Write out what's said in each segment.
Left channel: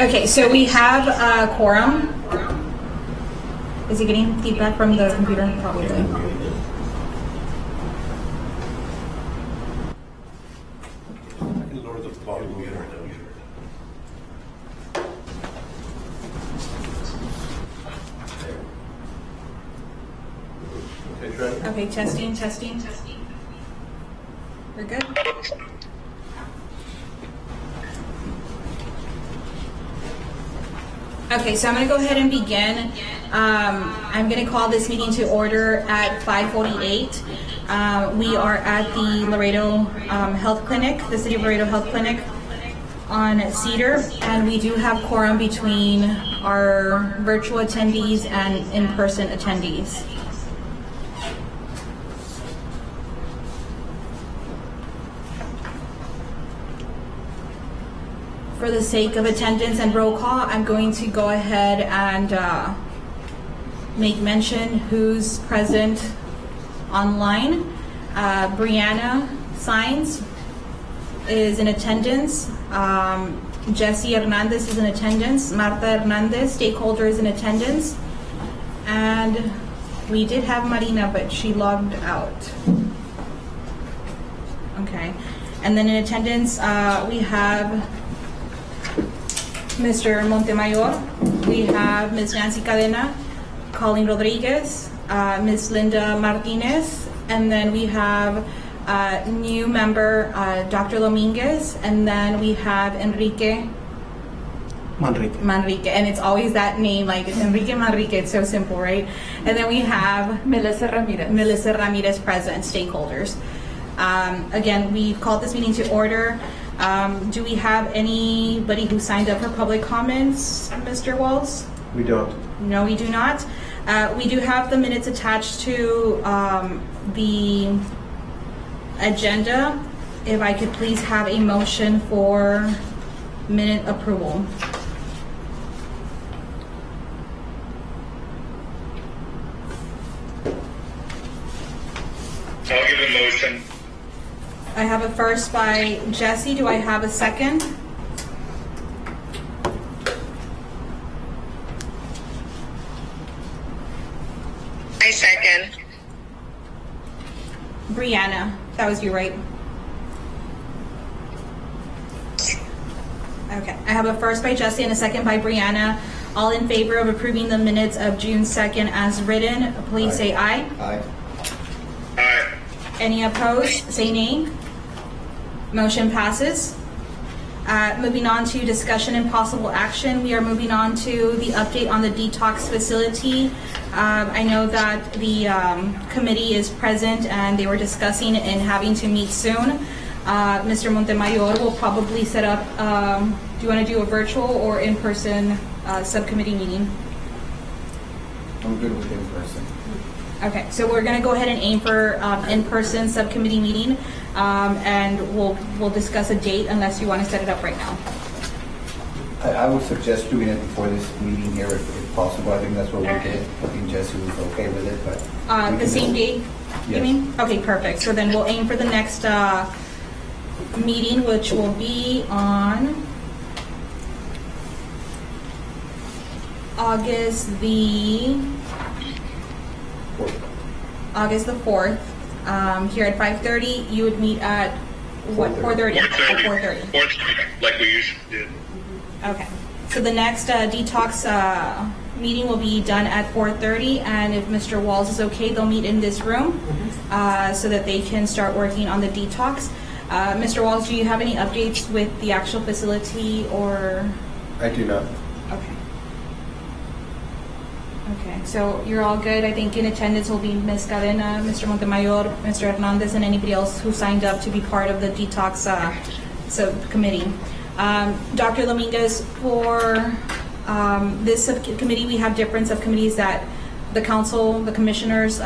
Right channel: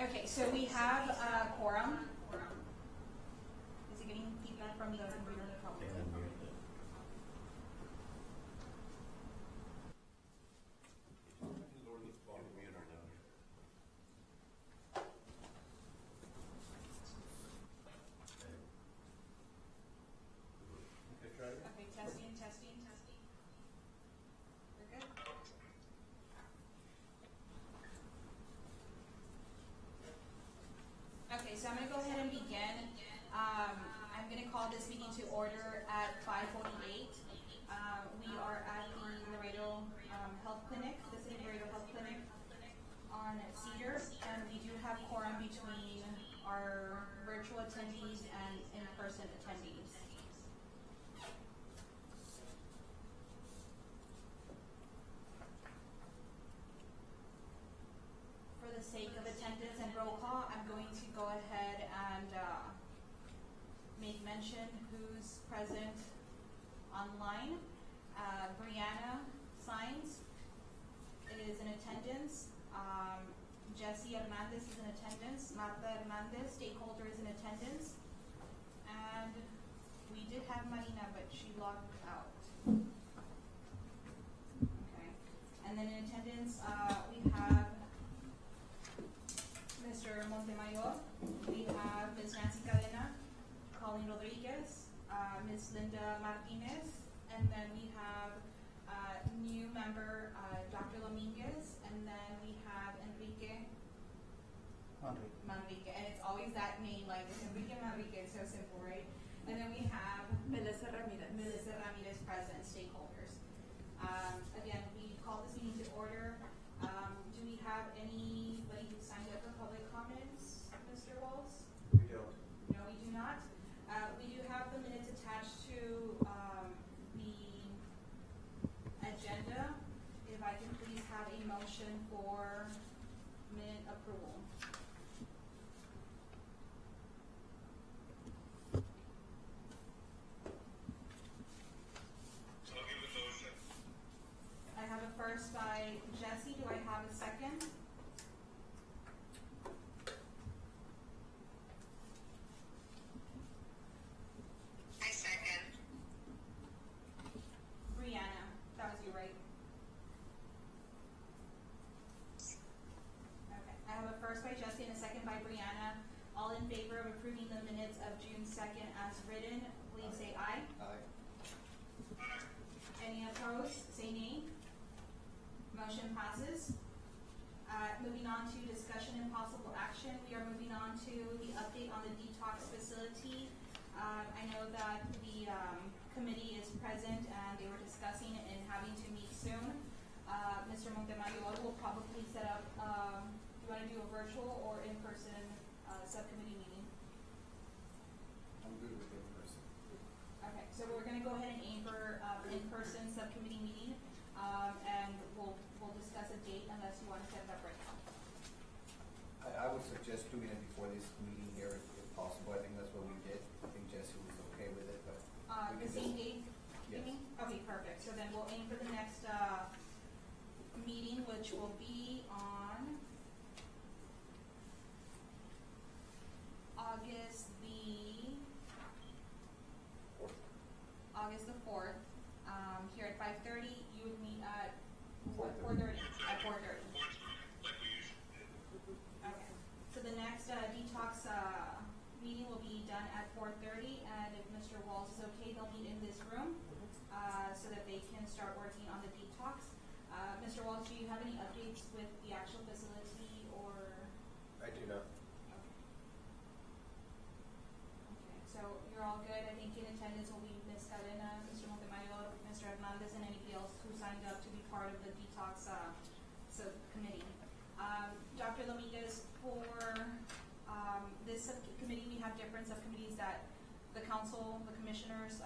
Okay, so we have a quorum. Is he getting feedback from the computer? Probably. Okay, testing. We're good? Okay, so I'm going to go ahead and begin. I'm going to call this meeting to order at 5:48. We are at the Laredo Health Clinic, the City of Laredo Health Clinic on Cedar, and we do have quorum between our virtual attendees and in-person attendees. For the sake of attendance and roll call, I'm going to go ahead and make mention who's present online. Brianna Signs is in attendance. Jesse Hernandez is in attendance. Marta Hernandez, stakeholder, is in attendance. And we did have Marina, but she logged out. Okay. And then in attendance, we have Mr. Montemayor, we have Ms. Nancy Cadena, Colleen Rodriguez, Ms. Linda Martinez, and then we have new member Dr. Dominguez, and then we have Enrique Manrique, and it's always that name, like it's Enrique Manrique, it's so simple, right? And then we have Melissa Ramirez present, stakeholders. Again, we've called this meeting to order. Do we have anybody who signed up for public comments, Mr. Walls? We don't. No, we do not. We do have the minutes attached to the agenda. If I could please have a motion for minute approval. I'll give a motion. I have a first by Jesse. Do I have a second? I second. Brianna, that was you, right? Okay, I have a first by Jesse and a second by Brianna. All in favor of approving the minutes of June 2nd as written, please say aye. Aye. Aye. Any opposed, say nay. Motion passes. Moving on to discussion and possible action, we are moving on to the update on the detox facility. I know that the committee is present and they were discussing and having to meet soon. Mr. Montemayor will probably set up, do you want to do a virtual or in-person subcommittee meeting? I'm good with in-person. Okay, so we're going to go ahead and aim for in-person subcommittee meeting, and we'll discuss a date unless you want to set it up right now. I would suggest doing it before this meeting here if possible. I think that's what we did. I think Jesse was okay with it, but... The same date, you Yes. mean? Okay, perfect. So then we'll aim for the next meeting, which will be on August the 4th, here at 5:30. You would meet at what, 4:30? At 4:30. 4:30, like we usually did. Okay. So the next detox meeting will be done at 4:30, and if Mr. Walls is okay, they'll meet in this room so that they can start working on the detox. Mr. Walls, do you have any updates with the actual facility or? I do not. Okay. Okay, so you're all good. I think in attendance will be Ms. Cadena, Mr. Montemayor, Mr. Hernandez, and anybody else who signed up to be part of the detox subcommittee. Dr. Dominguez, for this subcommittee, we have different subcommittees that the council, the commissioners,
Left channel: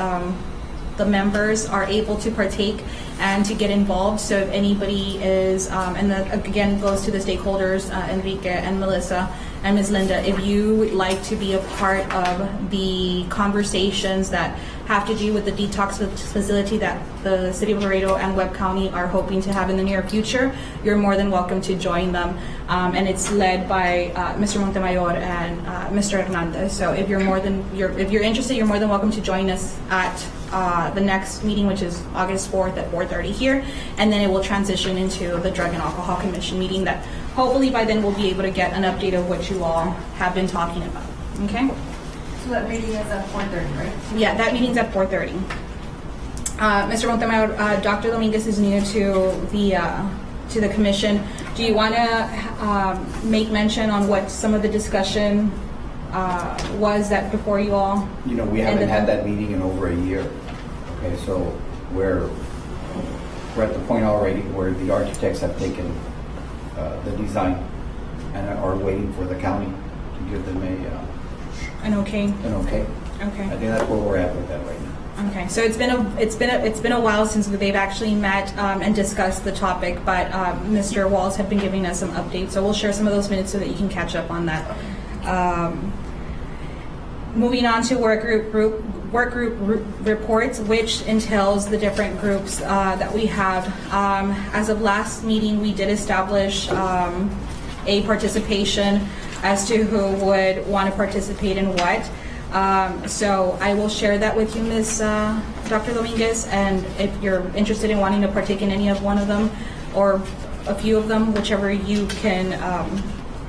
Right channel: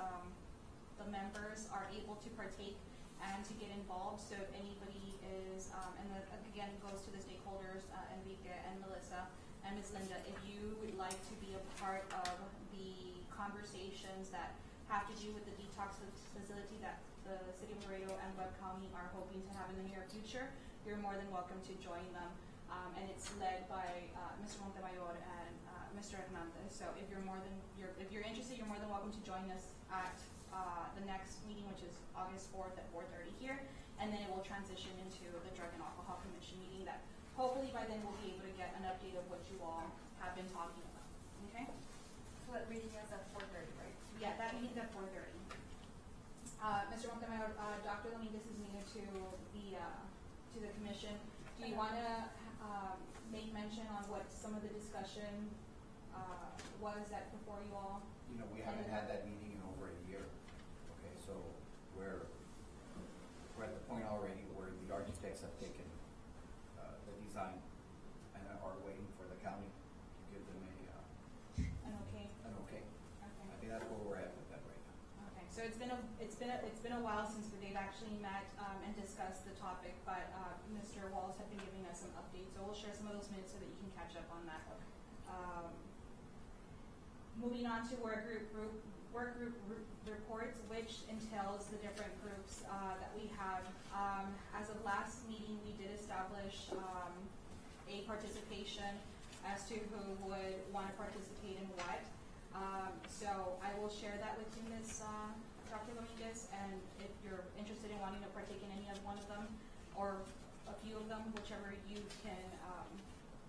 the members are able to partake and to get involved. So if anybody is, and that again goes to the stakeholders, Enrique and Melissa, and Ms. Linda, if you would like to be a part of the conversations that have to do with the detox facility that the City of Laredo and Webb County are hoping to have in the near future, you're more than welcome to join them. And it's led by Mr. Montemayor and Mr. Hernandez. So if you're interested, you're more than welcome to join us at the next meeting, which is August 4th at 4:30 here, and then it will transition into the Drug and Alcohol Commission meeting that hopefully by then we'll be able to get an update of what you all have been talking about. Okay? So that meeting is at 4:30, right? Yeah, that meeting's at 4:30. Mr. Montemayor, Dr. Dominguez is new to the commission. Do you want to make mention on what some of the discussion was that before you all? You know, we haven't had that meeting in over a year. Okay, so we're at the point already where the architects have taken the design and are waiting for the county to give them An okay. an okay. Okay. I think that's where we're at with that right now. Okay. So it's been a while since they've actually met and discussed the topic, but Mr. Walls have been giving us some updates. So we'll share some of those minutes so that you can catch up on that. Moving on to work group reports, which entails the different groups that we have. As of last meeting, we did establish a participation as to who would want to participate in what. So I will share that with you, Ms. Dr. Dominguez, and if you're interested in wanting to partake in any of one of them or a few of them, whichever you can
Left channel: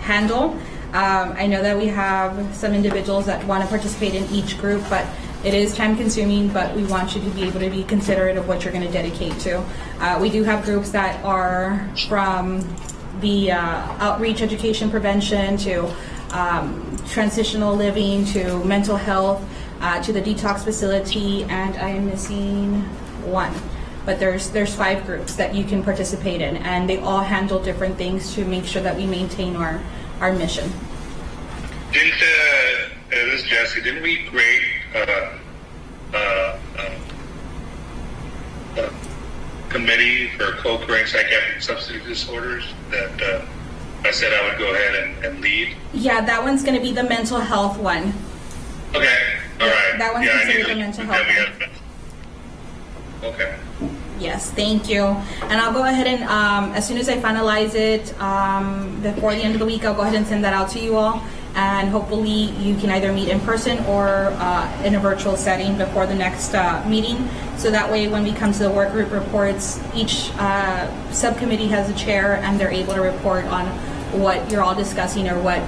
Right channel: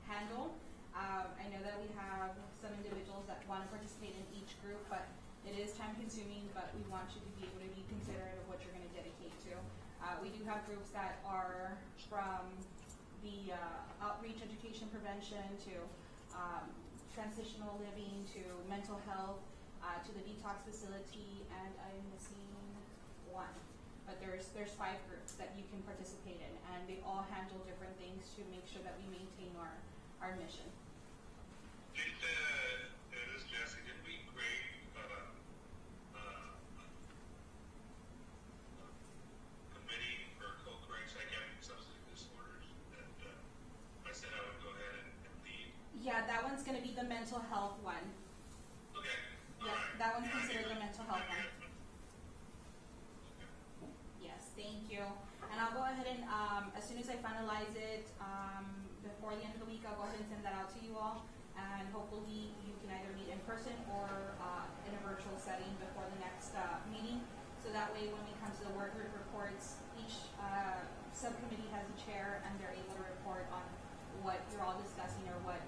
handle. I know that we have some individuals that want to participate in each group, but it is time consuming, but we want you to be able to be considerate of what you're going to dedicate to. We do have groups that are from the outreach, education, prevention, to transitional living, to mental health, to the detox facility, and I am missing one. But there's 5 groups that you can participate in, and they all handle different things to make sure that we maintain our mission. Didn't this is Jesse? Didn't we create a committee for co-occurring psychiatric substance disorders that I said I would go ahead and lead? Yeah, that one's going to be the mental health one. Okay, all right. That one's considered the mental health one. Okay. Yes, thank you. And I'll go ahead and, as soon as I finalize it, before the end of the week, I'll go ahead and send that out to you all. And hopefully you can either meet in person or in a virtual setting before the next meeting. So that way when we come to the work group reports, each subcommittee has a chair and they're able to report on what you're all discussing or what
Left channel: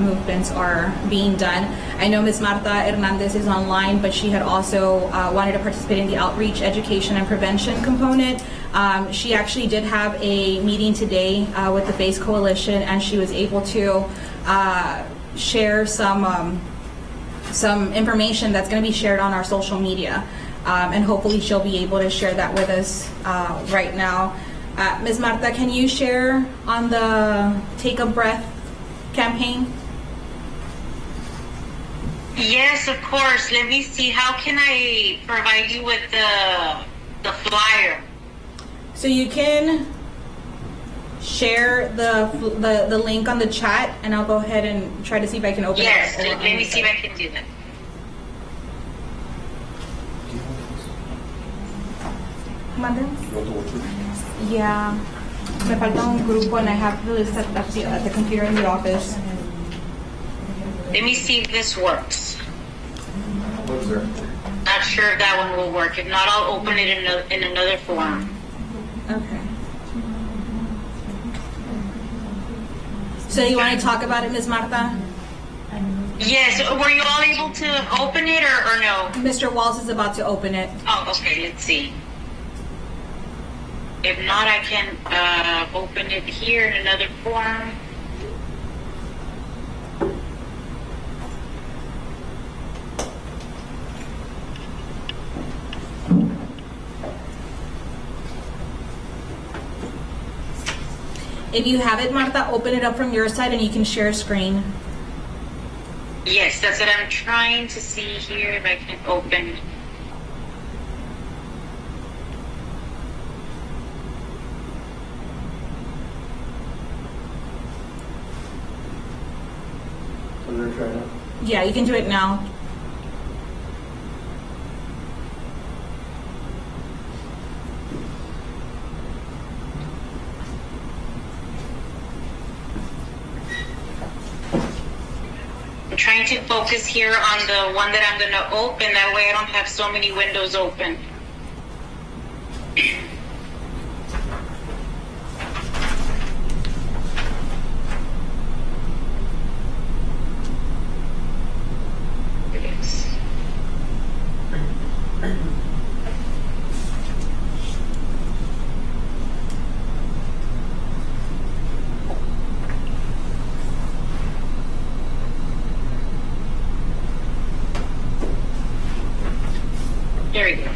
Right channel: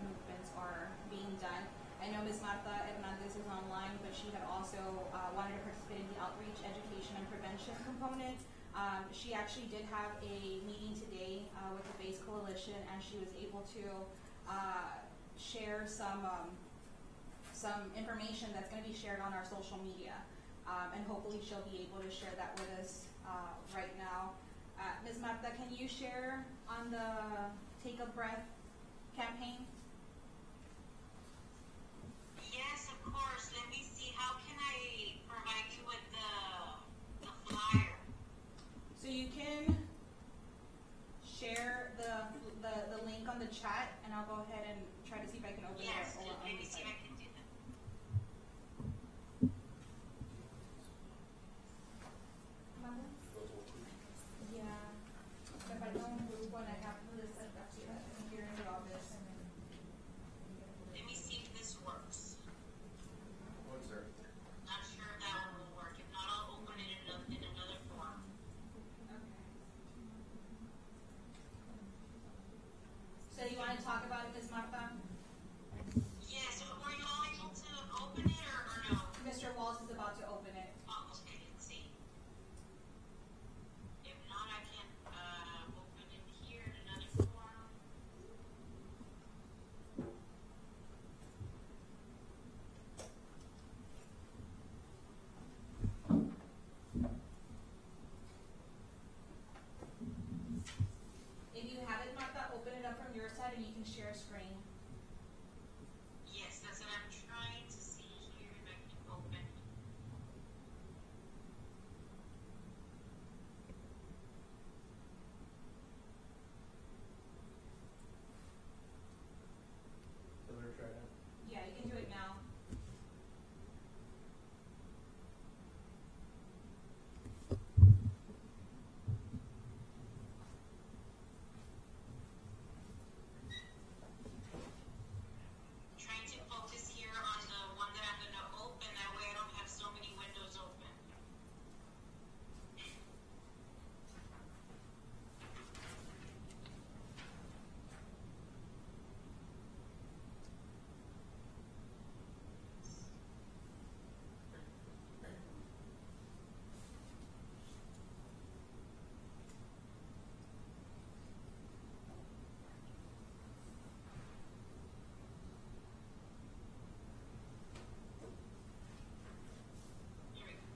movements are being done. I know Ms. Marta Hernandez is online, but she had also wanted to participate in the outreach, education, and prevention component. She actually did have a meeting today with the FACE Coalition, and she was able to share some information that's going to be shared on our social media. And hopefully she'll be able to share that with us right now. Ms. Marta, can you share on the Take a Breath campaign? Yes, of course. Let me see. How can I provide you with the flyer? So you can share the link on the chat, and I'll go ahead and try to see if I can open Yes, it. let me see if I can do that. Mother? Yeah. Me falta un grupo, and I have the list at the computer in the office. Let me see if this works. What's there? Not sure if that one will work. If not, I'll open it in another form. Okay. So you want to talk about it, Ms. Marta? Yes. Were you all able to open it or no? Mr. Walls is about to open it. Oh, okay. Let's see. If not, I can open it here in another form. If you have it, Marta, open it up from your side and you can share screen. Yes, that's what I'm trying to see here if I can open. Yeah, you can do it now. I'm trying to focus here on the one that I'm going to open. That way I don't have so many windows open. There we go.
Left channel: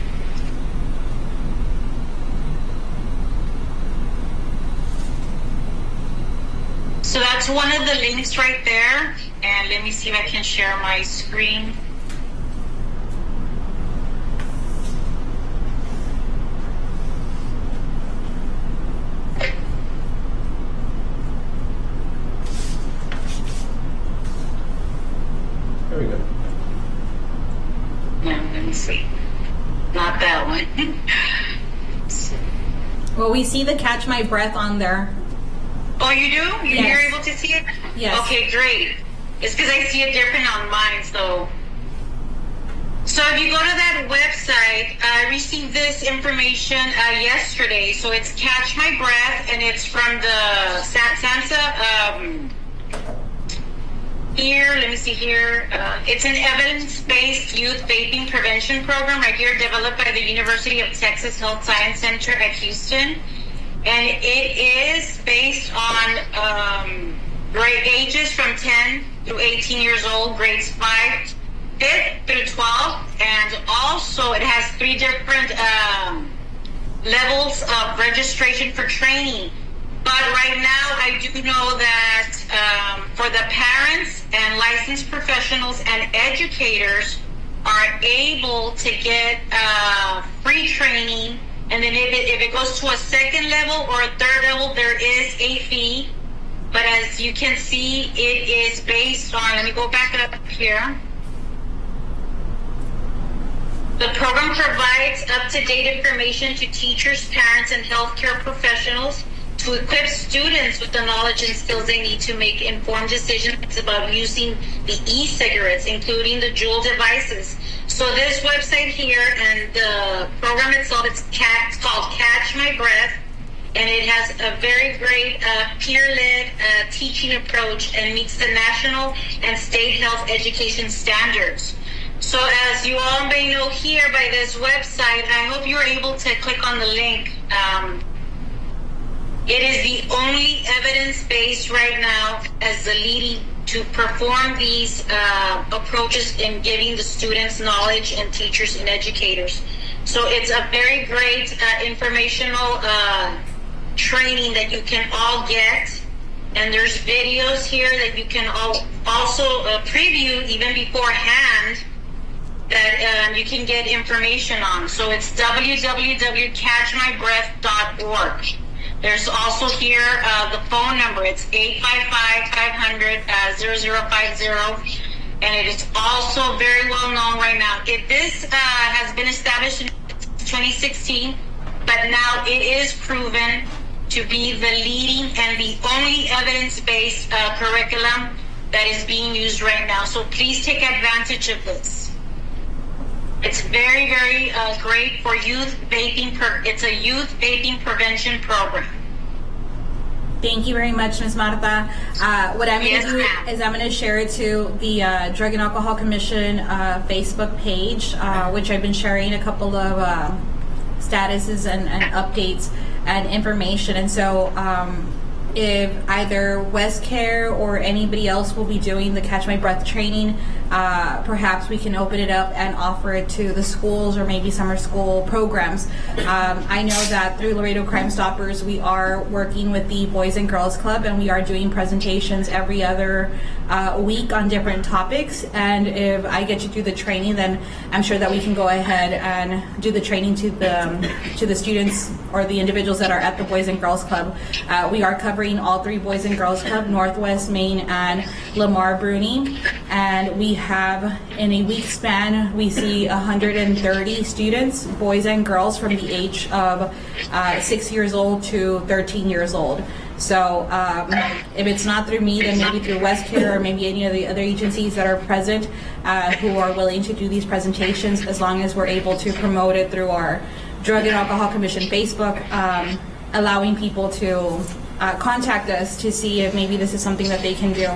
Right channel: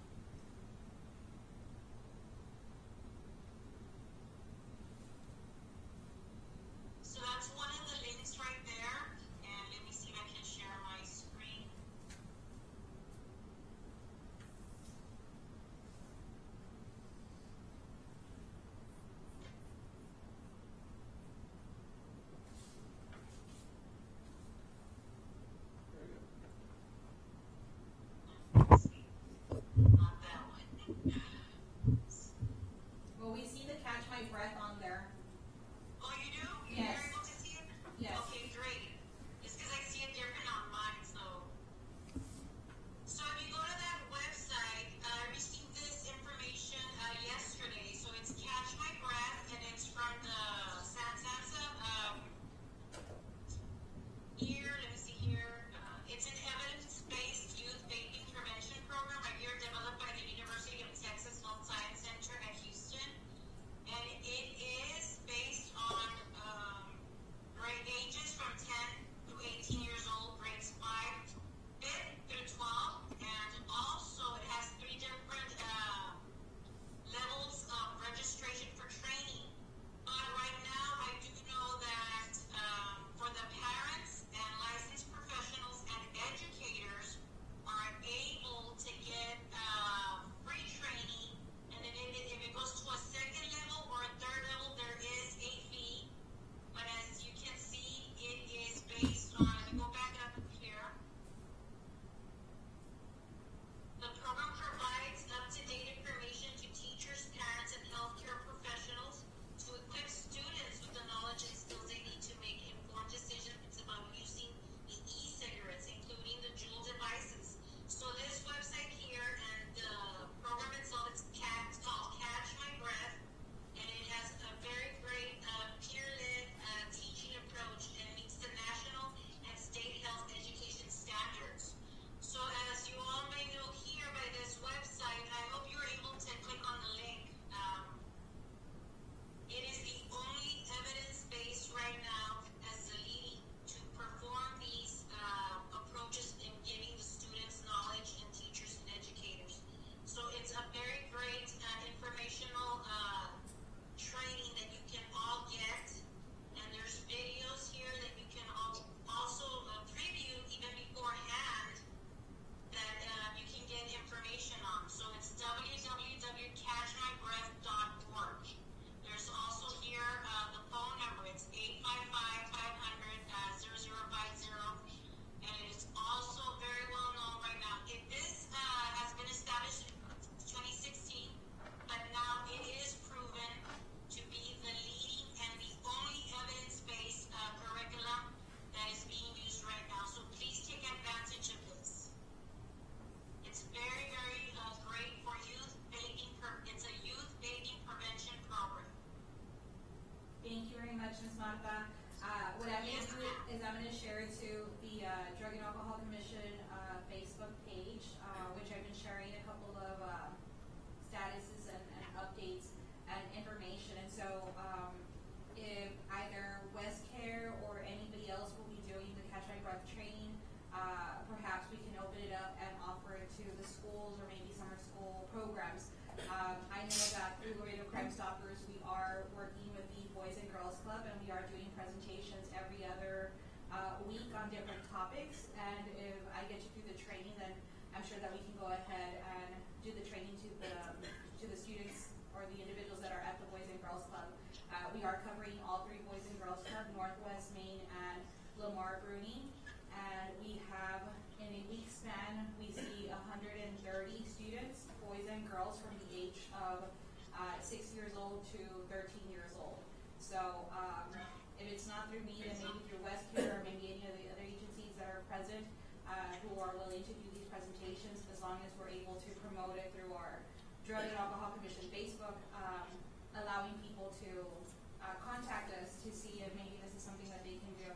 So that's one of the links right there. And let me see if I can share my screen. Very good. No, let me see. Not that one. Well, we see the Catch My Breath on there. Oh, you do? You're Yes. able to see it? Yes. Okay, great. It's because I see it different on mine, so. So if you go to that website, I received this information yesterday. So it's Catch My Breath, and it's from the SAMHSA. Here, let me see here. It's an evidence-based youth vaping prevention program right here, developed by the University of Texas Health Science Center at Houston. And it is based on grade ages from 10 through 18 years old, grades 5th through 12th. And also it has 3 different levels of registration for training. But right now, I do know that for the parents and licensed professionals and educators are able to get free training. And then if it goes to a second level or a third level, there is a fee. But as you can see, it is based on, let me go back up here. The program provides up-to-date information to teachers, parents, and healthcare professionals to equip students with the knowledge and skills they need to make informed decisions about using the e-cigarettes, including the Juul devices. So this website here and the program itself, it's called Catch My Breath, and it has a very great peer-led teaching approach and meets the national and state health education standards. So as you all may know here by this website, I hope you're able to click on the link. It is the only evidence-based right now as the leading to perform these approaches in giving the students knowledge and teachers and educators. So it's a very great informational training that you can all get. And there's videos here that you can also preview even beforehand that you can get information on. So it's www.catchmybreath.org. There's also here the phone number. It's 855-500-0050. And it is also very well known right now. This has been established in 2016, but now it is proven to be the leading and the only evidence-based curriculum that is being used right now. So please take advantage of this. It's very, very great for youth vaping. It's a youth vaping prevention program. Thank you very much, Ms. Marta. What I'm going to do ma'am. is I'm going to share it to the Drug and Alcohol Commission Facebook page, which I've been sharing a couple of statuses and updates and information. And so if either West Care or anybody else will be doing the Catch My Breath training, perhaps we can open it up and offer it to the schools or maybe summer school programs. I know that through Laredo Crime Stoppers, we are working with the Boys and Girls Club, and we are doing presentations every other week on different topics. And if I get you through the training, then I'm sure that we can go ahead and do the training to the students or the individuals that are at the Boys and Girls Club. We are covering all 3 Boys and Girls Club, Northwest, Maine, and Lamar Bruni. And we have, in a week span, we see 130 students, boys and girls, from the age of 6 years old to 13 years old. So if it's not through me, then maybe through WestCare or maybe any of the other agencies that are present who are willing to do these presentations, as long as we're able to promote it through our Drug and Alcohol Commission Facebook, allowing people to contact us to see if maybe this is something that they can do.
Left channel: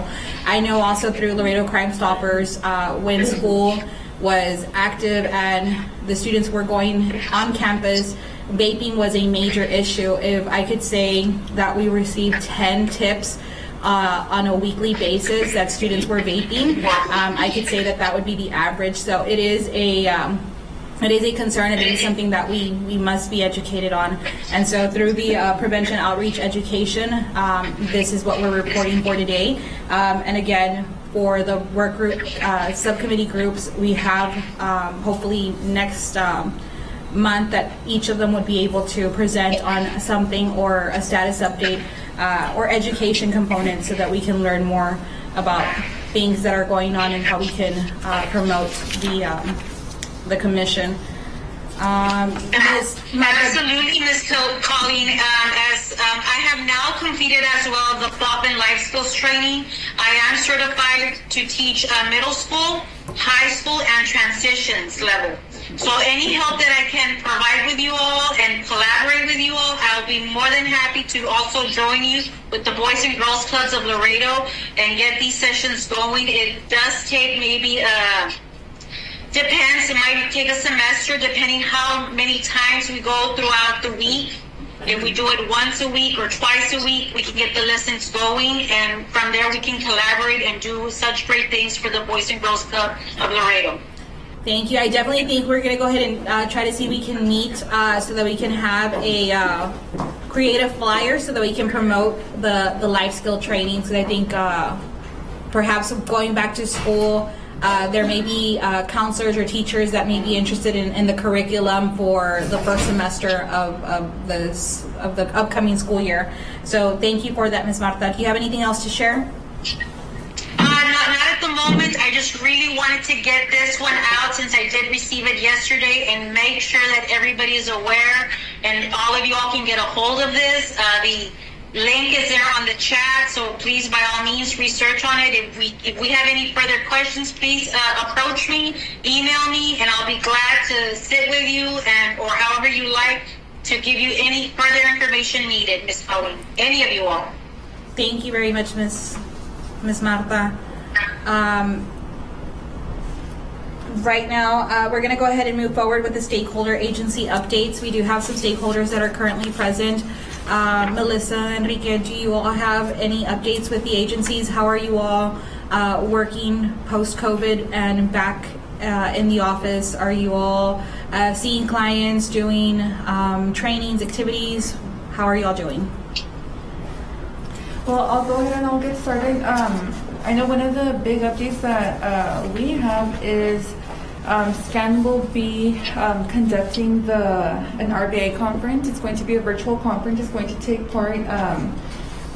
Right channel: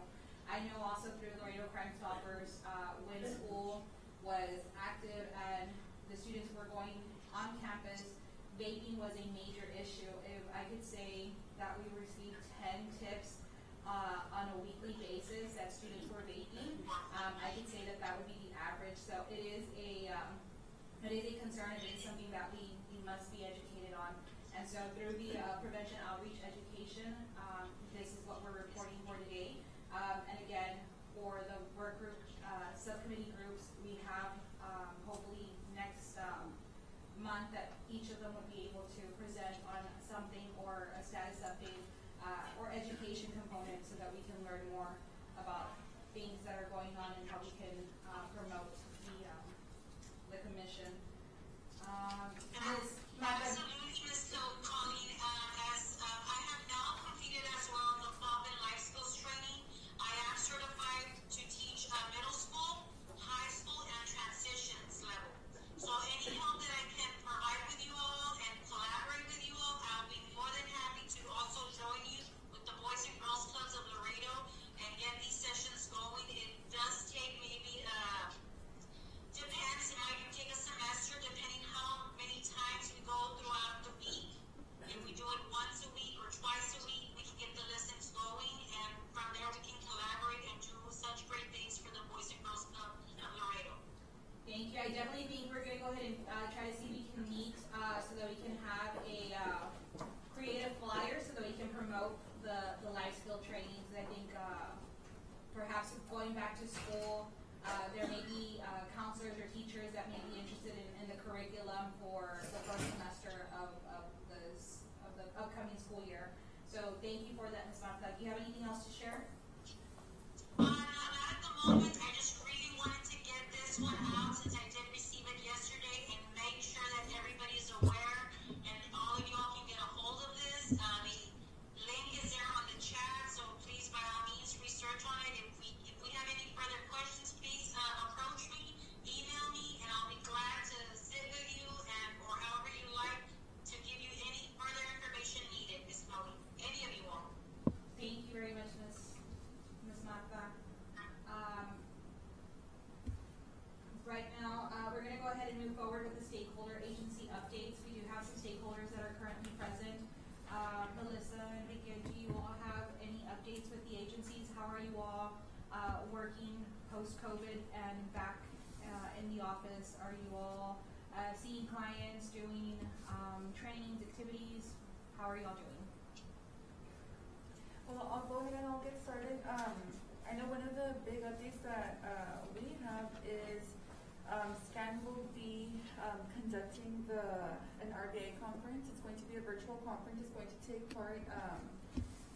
I know also through Laredo Crime Stoppers, when school was active and the students were going on campus, vaping was a major issue. If I could say that we received 10 tips on a weekly basis that students were vaping, I could say that that would be the average. So it is a concern, and it is something that we must be educated on. And so through the prevention outreach education, this is what we're reporting for today. And again, for the work group, subcommittee groups, we have hopefully next month that each of them would be able to present on something or a status update or education component, so that we can learn more about things that are going on and how we can promote the commission. Absolutely, Ms. Colleen. As I have now completed as well the FOP and life skills training, I am certified to teach middle school, high school, and transitions level. So any help that I can provide with you all and collaborate with you all, I'll be more than happy to also join you with the Boys and Girls Clubs of Laredo and get these sessions going. It does take maybe depends, it might take a semester depending how many times we go throughout the week. If we do it once a week or twice a week, we can get the lessons going, and from there we can collaborate and do such great things for the Boys and Girls Club of Laredo. Thank you. I definitely think we're going to go ahead and try to see if we can meet so that we can have a creative flyer so that we can promote the life skill training. So I think perhaps going back to school, there may be counselors or teachers that may be interested in the curriculum for the first semester of the upcoming school year. So thank you for that, Ms. Marta. Do you have anything else to share? Not at the moment. I just really wanted to get this one out since I did receive it yesterday and make sure that everybody is aware and all of you all can get a hold of this. The link is there on the chat, so please by all means research on it. If we have any further questions, please approach me, email me, and I'll be glad to sit with you or however you like to give you any further information needed, Ms. Colleen. Any of you all. Thank you very much, Ms. Marta. Right now, we're going to go ahead and move forward with the stakeholder agency updates. We do have some stakeholders that are currently present. Melissa, Enrique, do you all have any updates with the agencies? How are you all working post-COVID and back in the office? Are you all seeing clients, doing trainings, activities? How are you all doing? Well, I'll go ahead and I'll get started. I know one of the big updates that we have is SCAN will be conducting an RBA conference. It's going to be a virtual conference. It's going to take part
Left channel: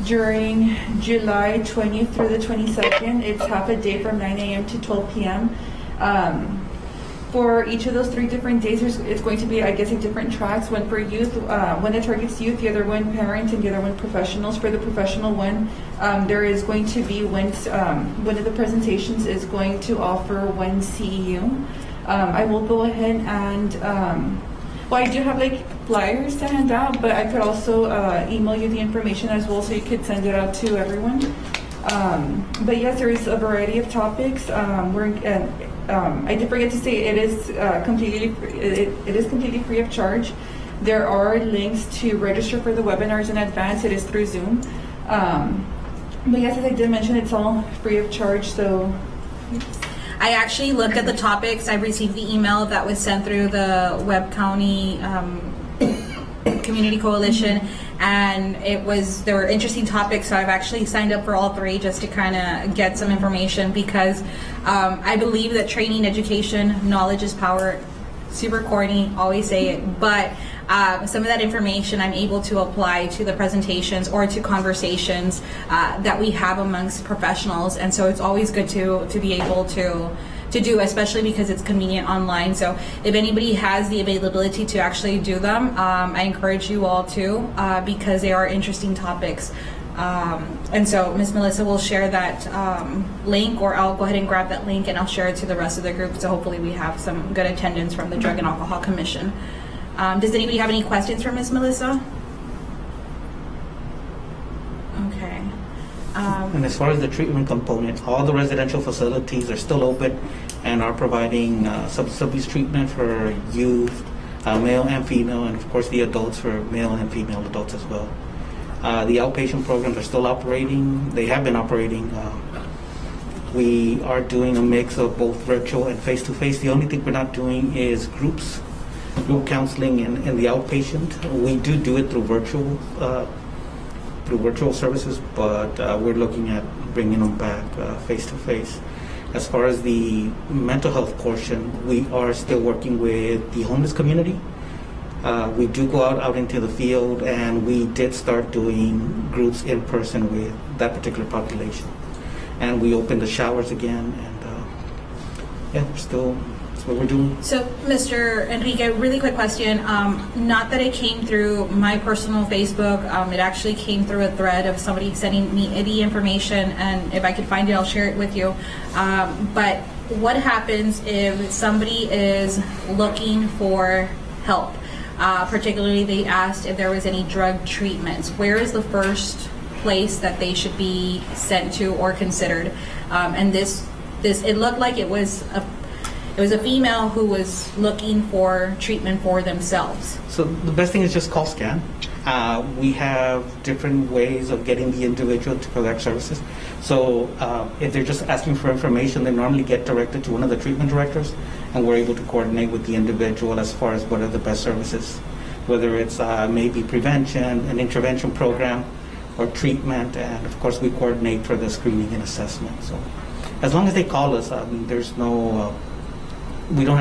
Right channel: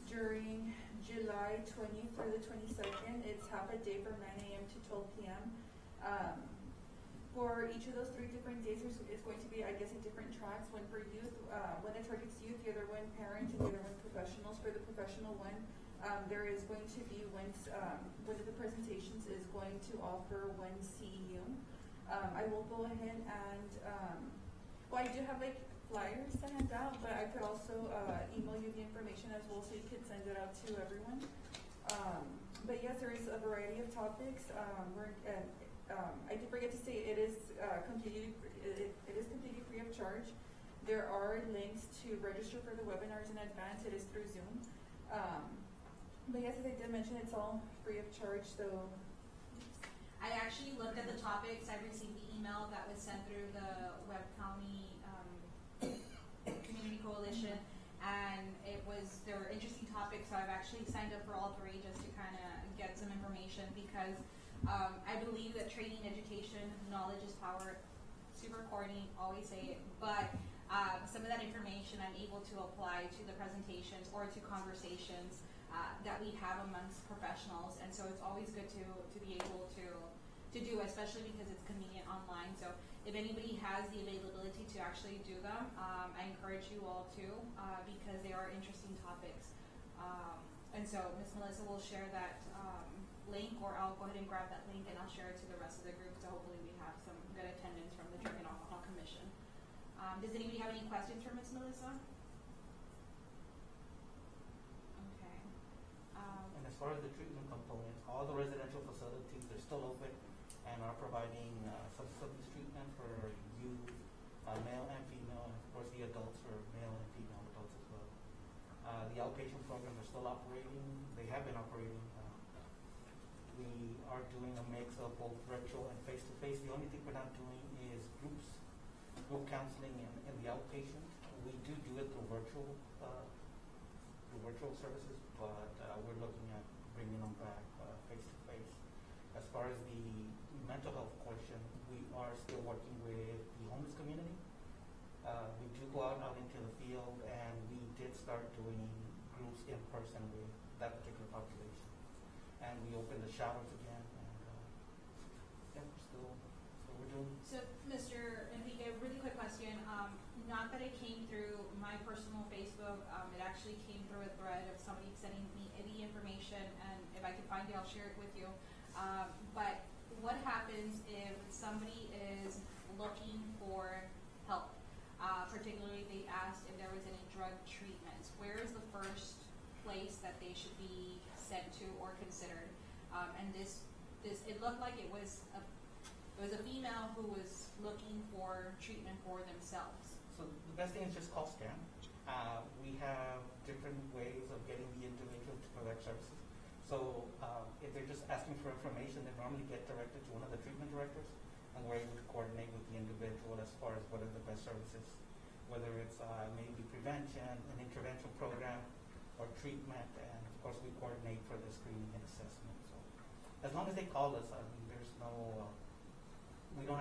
during July 20th through the 22nd. It's half a day from 9 a.m. to 12 p.m. For each of those 3 different days, it's going to be, I guess, different tracks. One for youth, one that targets youth, the other one parent, and the other one professionals. For the professional one, there is going to be one of the presentations is going to offer one CEU. I will go ahead and, well, I do have flyers to hand out, but I could also email you the information as well, so you could send it out to everyone. But yes, there is a variety of topics. I did forget to say it is completely free of charge. There are links to register for the webinars in advance. It is through Zoom. But yes, as I did mention, it's all free of charge. So I actually looked at the topics. I received the email that was sent through the Webb County Community Coalition, and there were interesting topics, so I've actually signed up for all 3 just to kind of get some information, because I believe that training, education, knowledge is power. super corny, always say it, but some of that information I'm able to apply to the presentations or to conversations that we have amongst professionals, and so it's always good to be able to do, especially because it's convenient online. So if anybody has the availability to actually do them, I encourage you all to, because they are interesting topics. And so Ms. Melissa will share that link, or I'll go ahead and grab that link and I'll share it to the rest of the group, so hopefully we have some good attendance from the Drug and Alcohol Commission. Does anybody have any questions for Ms. Melissa? Okay. And as far as the treatment component, all the residential facilities are still open and are providing substance abuse treatment for youth, male and female, and of course the adults for male and female adults as well. The outpatient programs are still operating. They have been operating. We are doing a mix of both virtual and face-to-face. The only thing we're not doing is group counseling in the outpatient. We do it through virtual services, but we're looking at bringing them back face-to-face. As far as the mental health portion, we are still working with the homeless community. We do go out into the field, and we did start doing groups in person with that particular population. And we opened the showers again, and that's what we're doing. So, Mr. Enrique, really quick question. Not that it came through my personal Facebook. It actually came through a thread of somebody sending me the information, and if I could find it, I'll share it with you. But what happens if somebody is looking for help? Particularly, they asked if there was any drug treatments. Where is the first place that they should be sent to or considered? And this it looked like it was a female who was looking for treatment for themselves. So the best thing is just call SCAN. We have different ways of getting the individual to collect services. So if they're just asking for information, they normally get directed to one of the treatment directors, and we're able to coordinate with the individual as far as what are the best services, whether it's maybe prevention, an intervention program, or treatment, and of course we coordinate for the screening and assessment. So as long as they call us, there's no, we do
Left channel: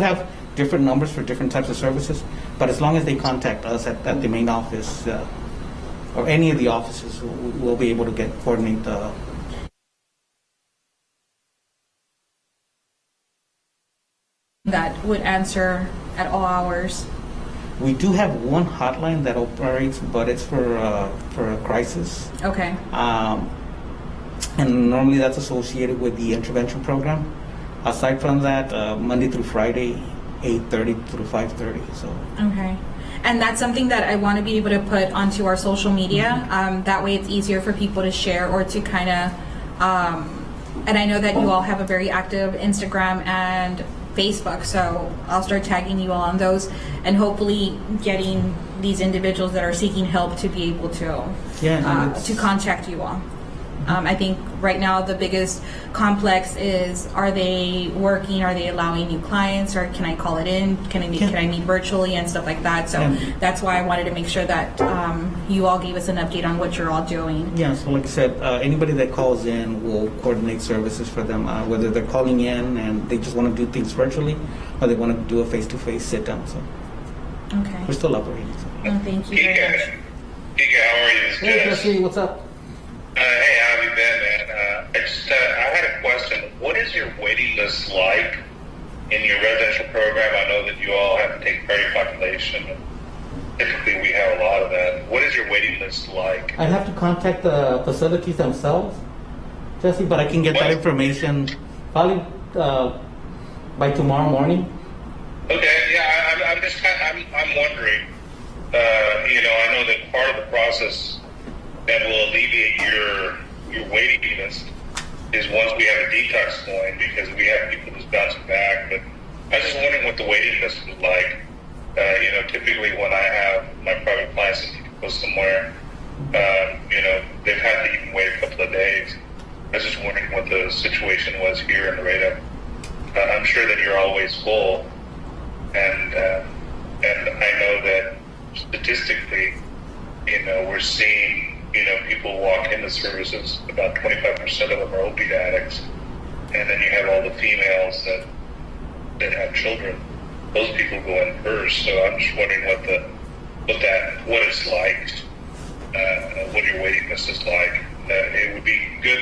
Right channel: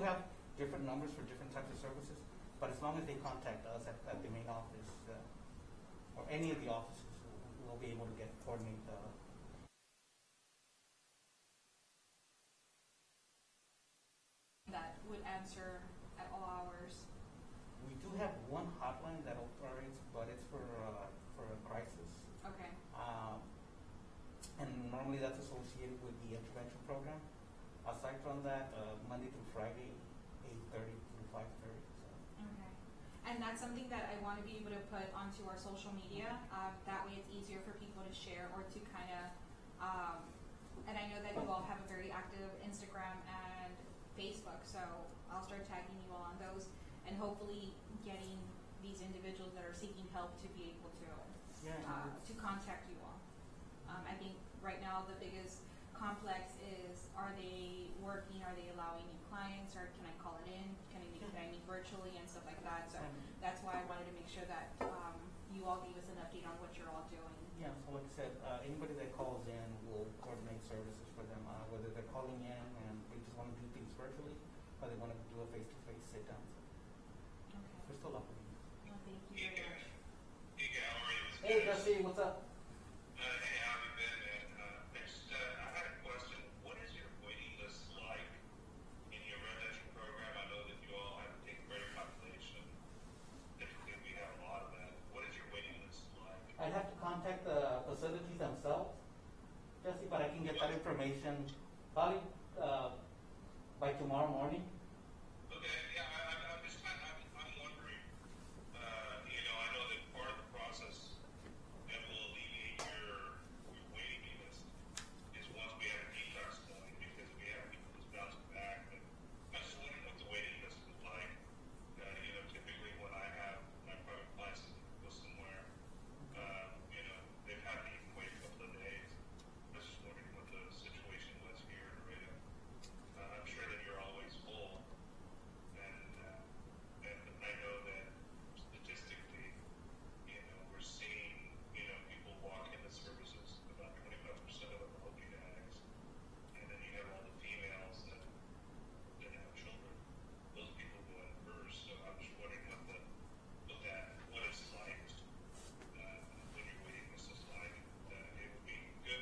have different numbers for different types of services, but as long as they contact us at the main office or any of the offices, we'll be able to coordinate the. That would answer at all hours. We do have one hotline that operates, but it's for a crisis. Okay. And normally that's associated with the intervention program. Aside from that, Monday through Friday, 8:30 through 5:30. So. Okay. And that's something that I want to be able to put onto our social media. That way it's easier for people to share or to kind of, and I know that you all have a very active Instagram and Facebook, so I'll start tagging you all on those, and hopefully getting these individuals that are seeking help to be able to to contact you all. I think right now the biggest complex is, are they working? Are they allowing new clients? Or can I call it in? Can I meet virtually and stuff like that? So that's why I wanted to make sure that you all gave us an update on what you're all doing. Yeah, so like I said, anybody that calls in will coordinate services for them, whether they're calling in and they just want to do things virtually, or they want to do a face-to-face sit-down. So Okay. we're still operating. So. Well, thank you very much. Giga, how are you? It's Hey, Jess. Jesse, what's up? Hey, how have you been, man? I had a question. What is your waiting list like in your residential program? I know that you all have to take prairie population. Typically, we have a lot of that. What is your waiting list like? I have to contact the facilities themselves, Jesse, but I can get that information probably by tomorrow morning. Okay, yeah, I'm just I'm wondering. I know that part of the process that will alleviate your waiting list is once we have a detox going, because we have people just bouncing back. But I was just wondering what the waiting list is like. Typically when I have my private clients that need to go somewhere, they've had to even wait a couple of days. I was just wondering what the situation was here in Laredo. I'm sure that you're always full, and I know that statistically, we're seeing, people walk into services, about 25% of them are opiate addicts, and then you have all the females that have children. those people go in first. So I'm just wondering what it's like, what your waiting list is like. It would be good.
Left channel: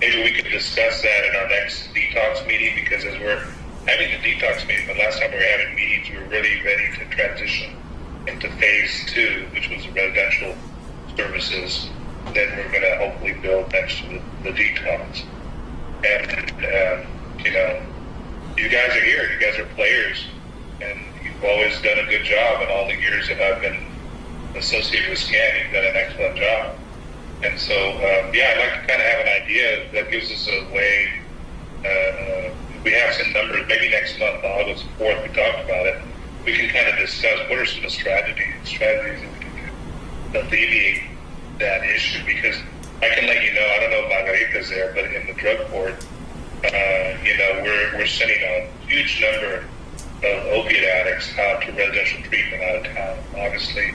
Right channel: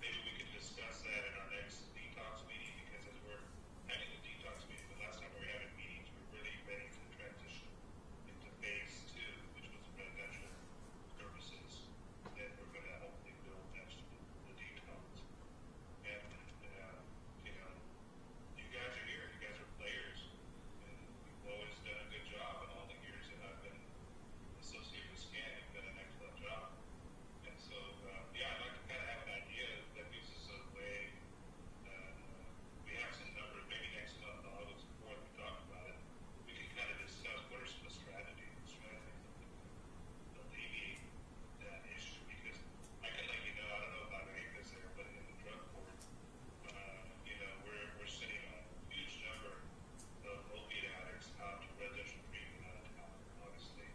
Maybe we could discuss that in our next detox meeting, because as we're having the detox meeting, the last time we were having meetings, we were really ready to transition into phase 2, which was residential services. Then we're going to hopefully build next to the detox. And, you know, you guys are here. You guys are players. And you've always done a good job in all the years that I've been associated with SCAN. You've done an excellent job. And so, yeah, I'd like to kind of have an idea that gives us a way. We have some numbers. Maybe next month, August 4th, we talked about it. We can kind of discuss what are some of the strategies that we can do to alleviate that issue. Because I can let you know, I don't know if Margarita's there, but in the drug court, you know, we're sending a huge number of opiate addicts out to residential treatment out of town. Obviously,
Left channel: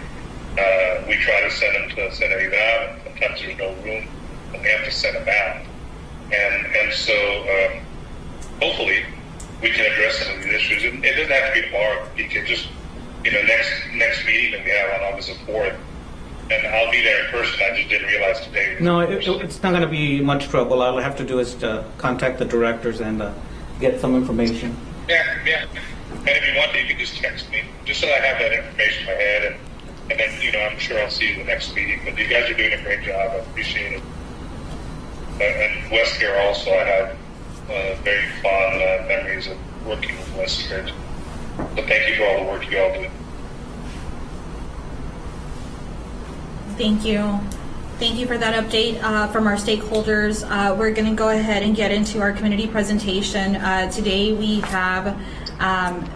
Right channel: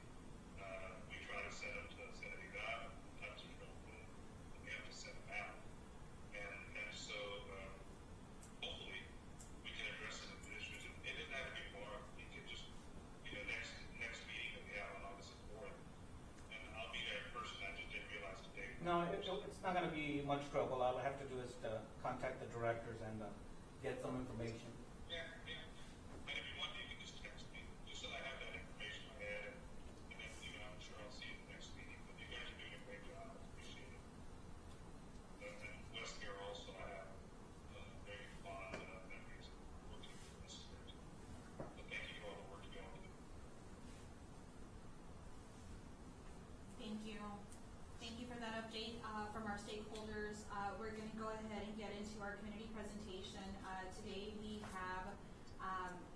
we try to send them to Santa Vida. Sometimes there's no room, and we have to send them out. And so hopefully we can address some of these issues. And it doesn't have to be tomorrow. You can just, you know, next meeting that we have on August 4th, and I'll be there in person. I just didn't realize today. No, it's not going to be much trouble. All I have to do is to contact the directors and get some information. Yeah. And if you want to, you can just text me, just so I have that information in my head, and then, you know, I'm sure I'll see you the next meeting. But you guys are doing a great job. I appreciate it. And Westcare also, I have very fond memories of working with Westcare. So thank you for all the work you all do. Thank you. Thank you for that update from our stakeholders. We're going to go ahead and get into our community presentation. Today we have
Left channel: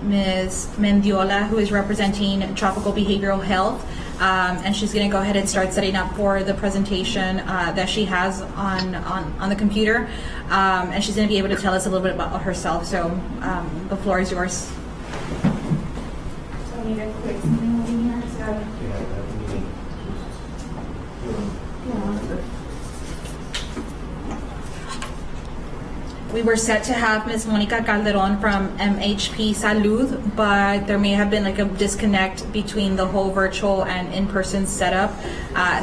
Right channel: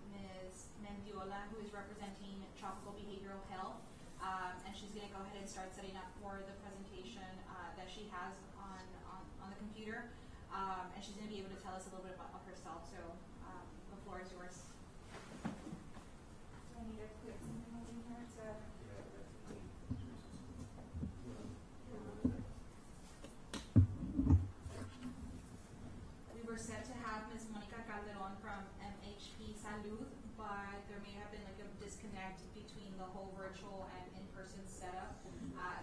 Ms. Mendiola, who is representing Tropical Behavioral Health, and she's going to go ahead and start setting up for the presentation that she has on the computer, and she's going to be able to tell us a little bit about herself. So the floor is yours. So I need a quick something over here. So. We were set to have Ms. Monica Calderon from MHP Salud, but there may have been like a disconnect between the whole virtual and in-person setup.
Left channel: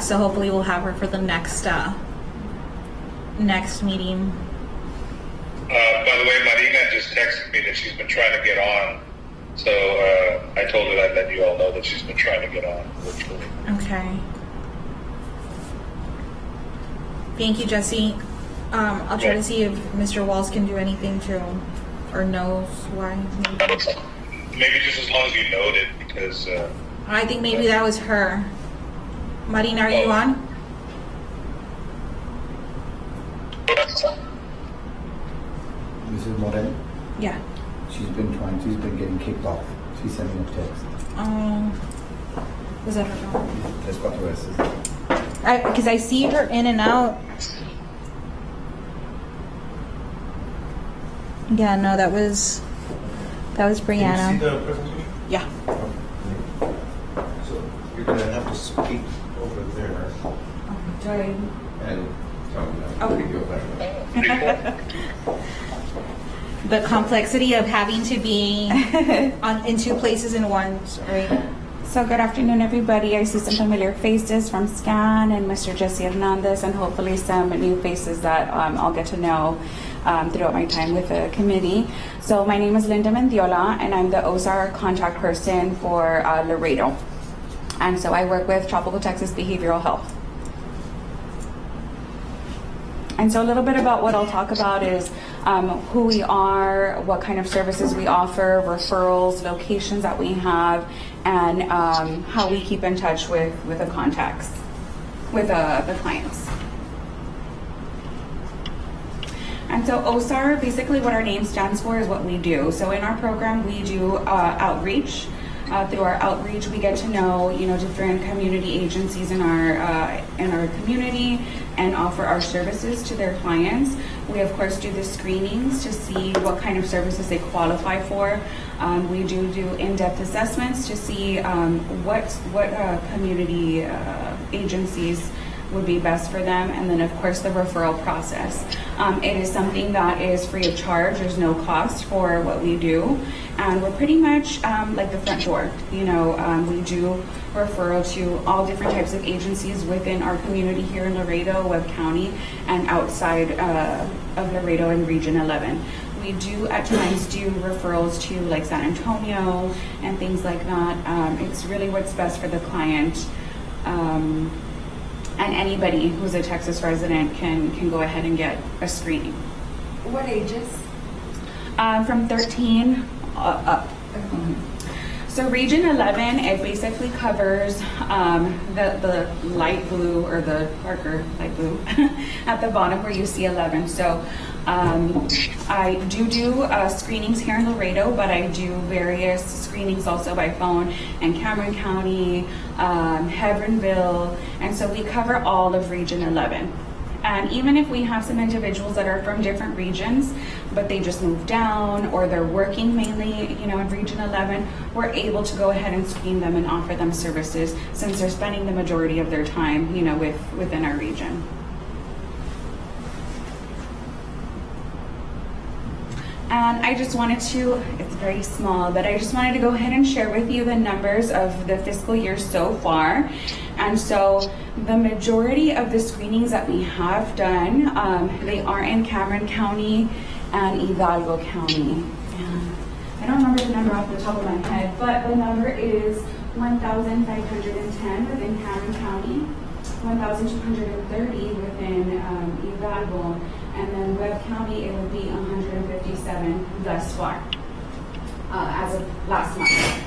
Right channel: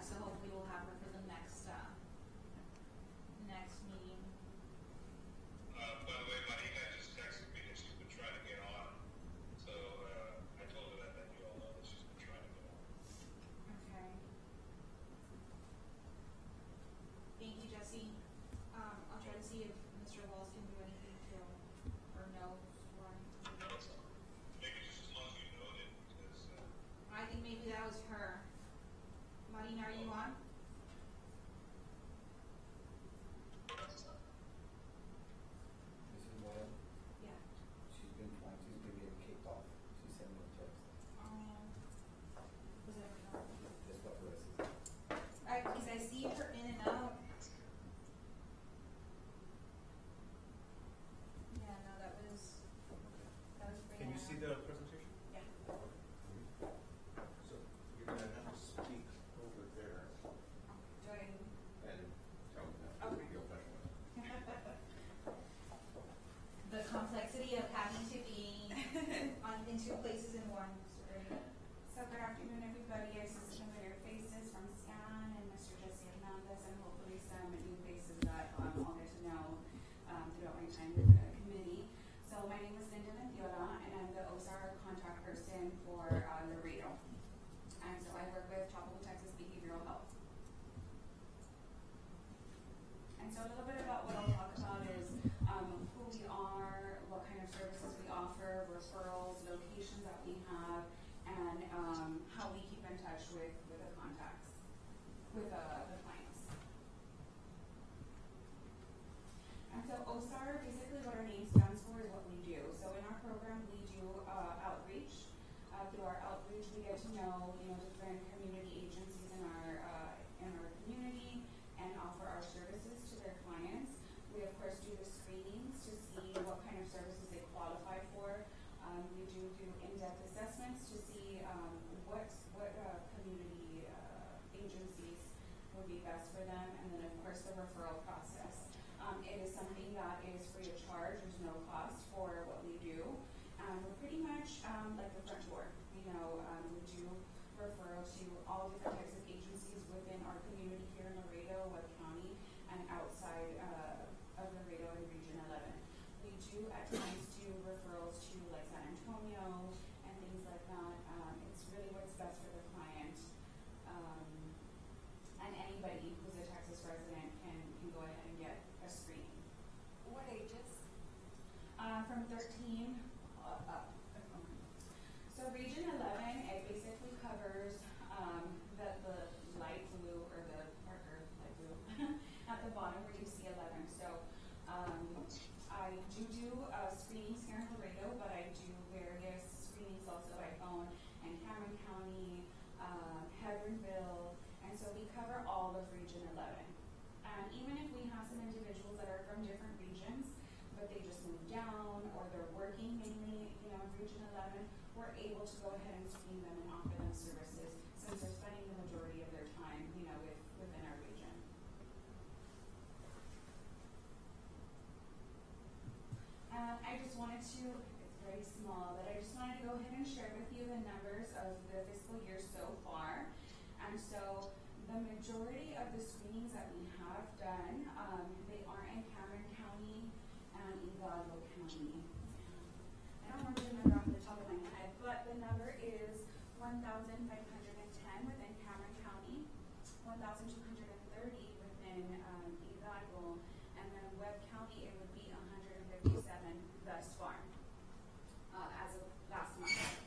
So hopefully we'll have her for the next meeting. By the way, Marina just texted me that she's been trying to get on. So I told her I'd let you all know that she's been trying to get on virtually. Okay. Thank you, Jesse. I'll try to see if Mr. Walls can do anything to, or knows why. Maybe just as long as you note it, because... I think maybe that was her. Marina, are you on? Mrs. Morel, Yeah. she's been getting kicked off. She sent me a text. Was that her phone? Tres cuatro veces. Because I see her in and out. Yeah, no, that was Brianna. Can you see the presentation? Yeah. So you're going to have to speak over there Sorry. and tell me that. Okay. Give you a better. The complexity of having to be in two places in one, right? So good afternoon, everybody. I see some familiar faces from SCAN and Mr. Jesse Hernandez, and hopefully some new faces that I'll get to know throughout my time with the committee. So my name is Linda Mendiola, and I'm the OSAR contact person for Laredo. And so I work with Tropical Texas Behavioral Health. And so a little bit about what I'll talk about is who we are, what kind of services we offer, referrals, locations that we have, and how we keep in touch with the contacts, with the clients. And so OSAR, basically what our name stands for is what we do. So in our program, we do outreach. Through our outreach, we get to know, different community agencies in our community and offer our services to their clients. We of course do the screenings to see what kind of services they qualify for. We do in-depth assessments to see what community agencies would be best for them. And then, of course, the referral process. It is something that is free of charge. There's no cost for what we do. And we're pretty much like the front door. You know, we do referral to all different types of agencies within our community here in Laredo, Webb County, and outside of Laredo in Region 11. We do at times do referrals to like San Antonio and things like that. It's really what's best for the client. And anybody who's a Texas resident can go ahead and get a screening. What ages? From 13 up. So Region 11, it basically covers the light blue or the darker light blue at the bottom where you see 11. So I do screenings here in Laredo, but I do various screenings also by phone in Cameron County, Hebronville, and so we cover all of Region 11. And even if we have some individuals that are from different regions, but they just moved down or they're working mainly, you know, in Region 11, we're able to go ahead and screen them and offer them services since they're spending the majority of their time, you know, within our region. And I just wanted to, it's very small, but I just wanted to go ahead and share with you the numbers of the fiscal year so far. And so the majority of the screenings that we have done, they are in Cameron County and Hidalgo County. And I don't remember the number off the top of my head, but the number is 1,510 within Cameron County, 1,230 within Hidalgo, and then Webb County, it would be 157 thus far, as of last month.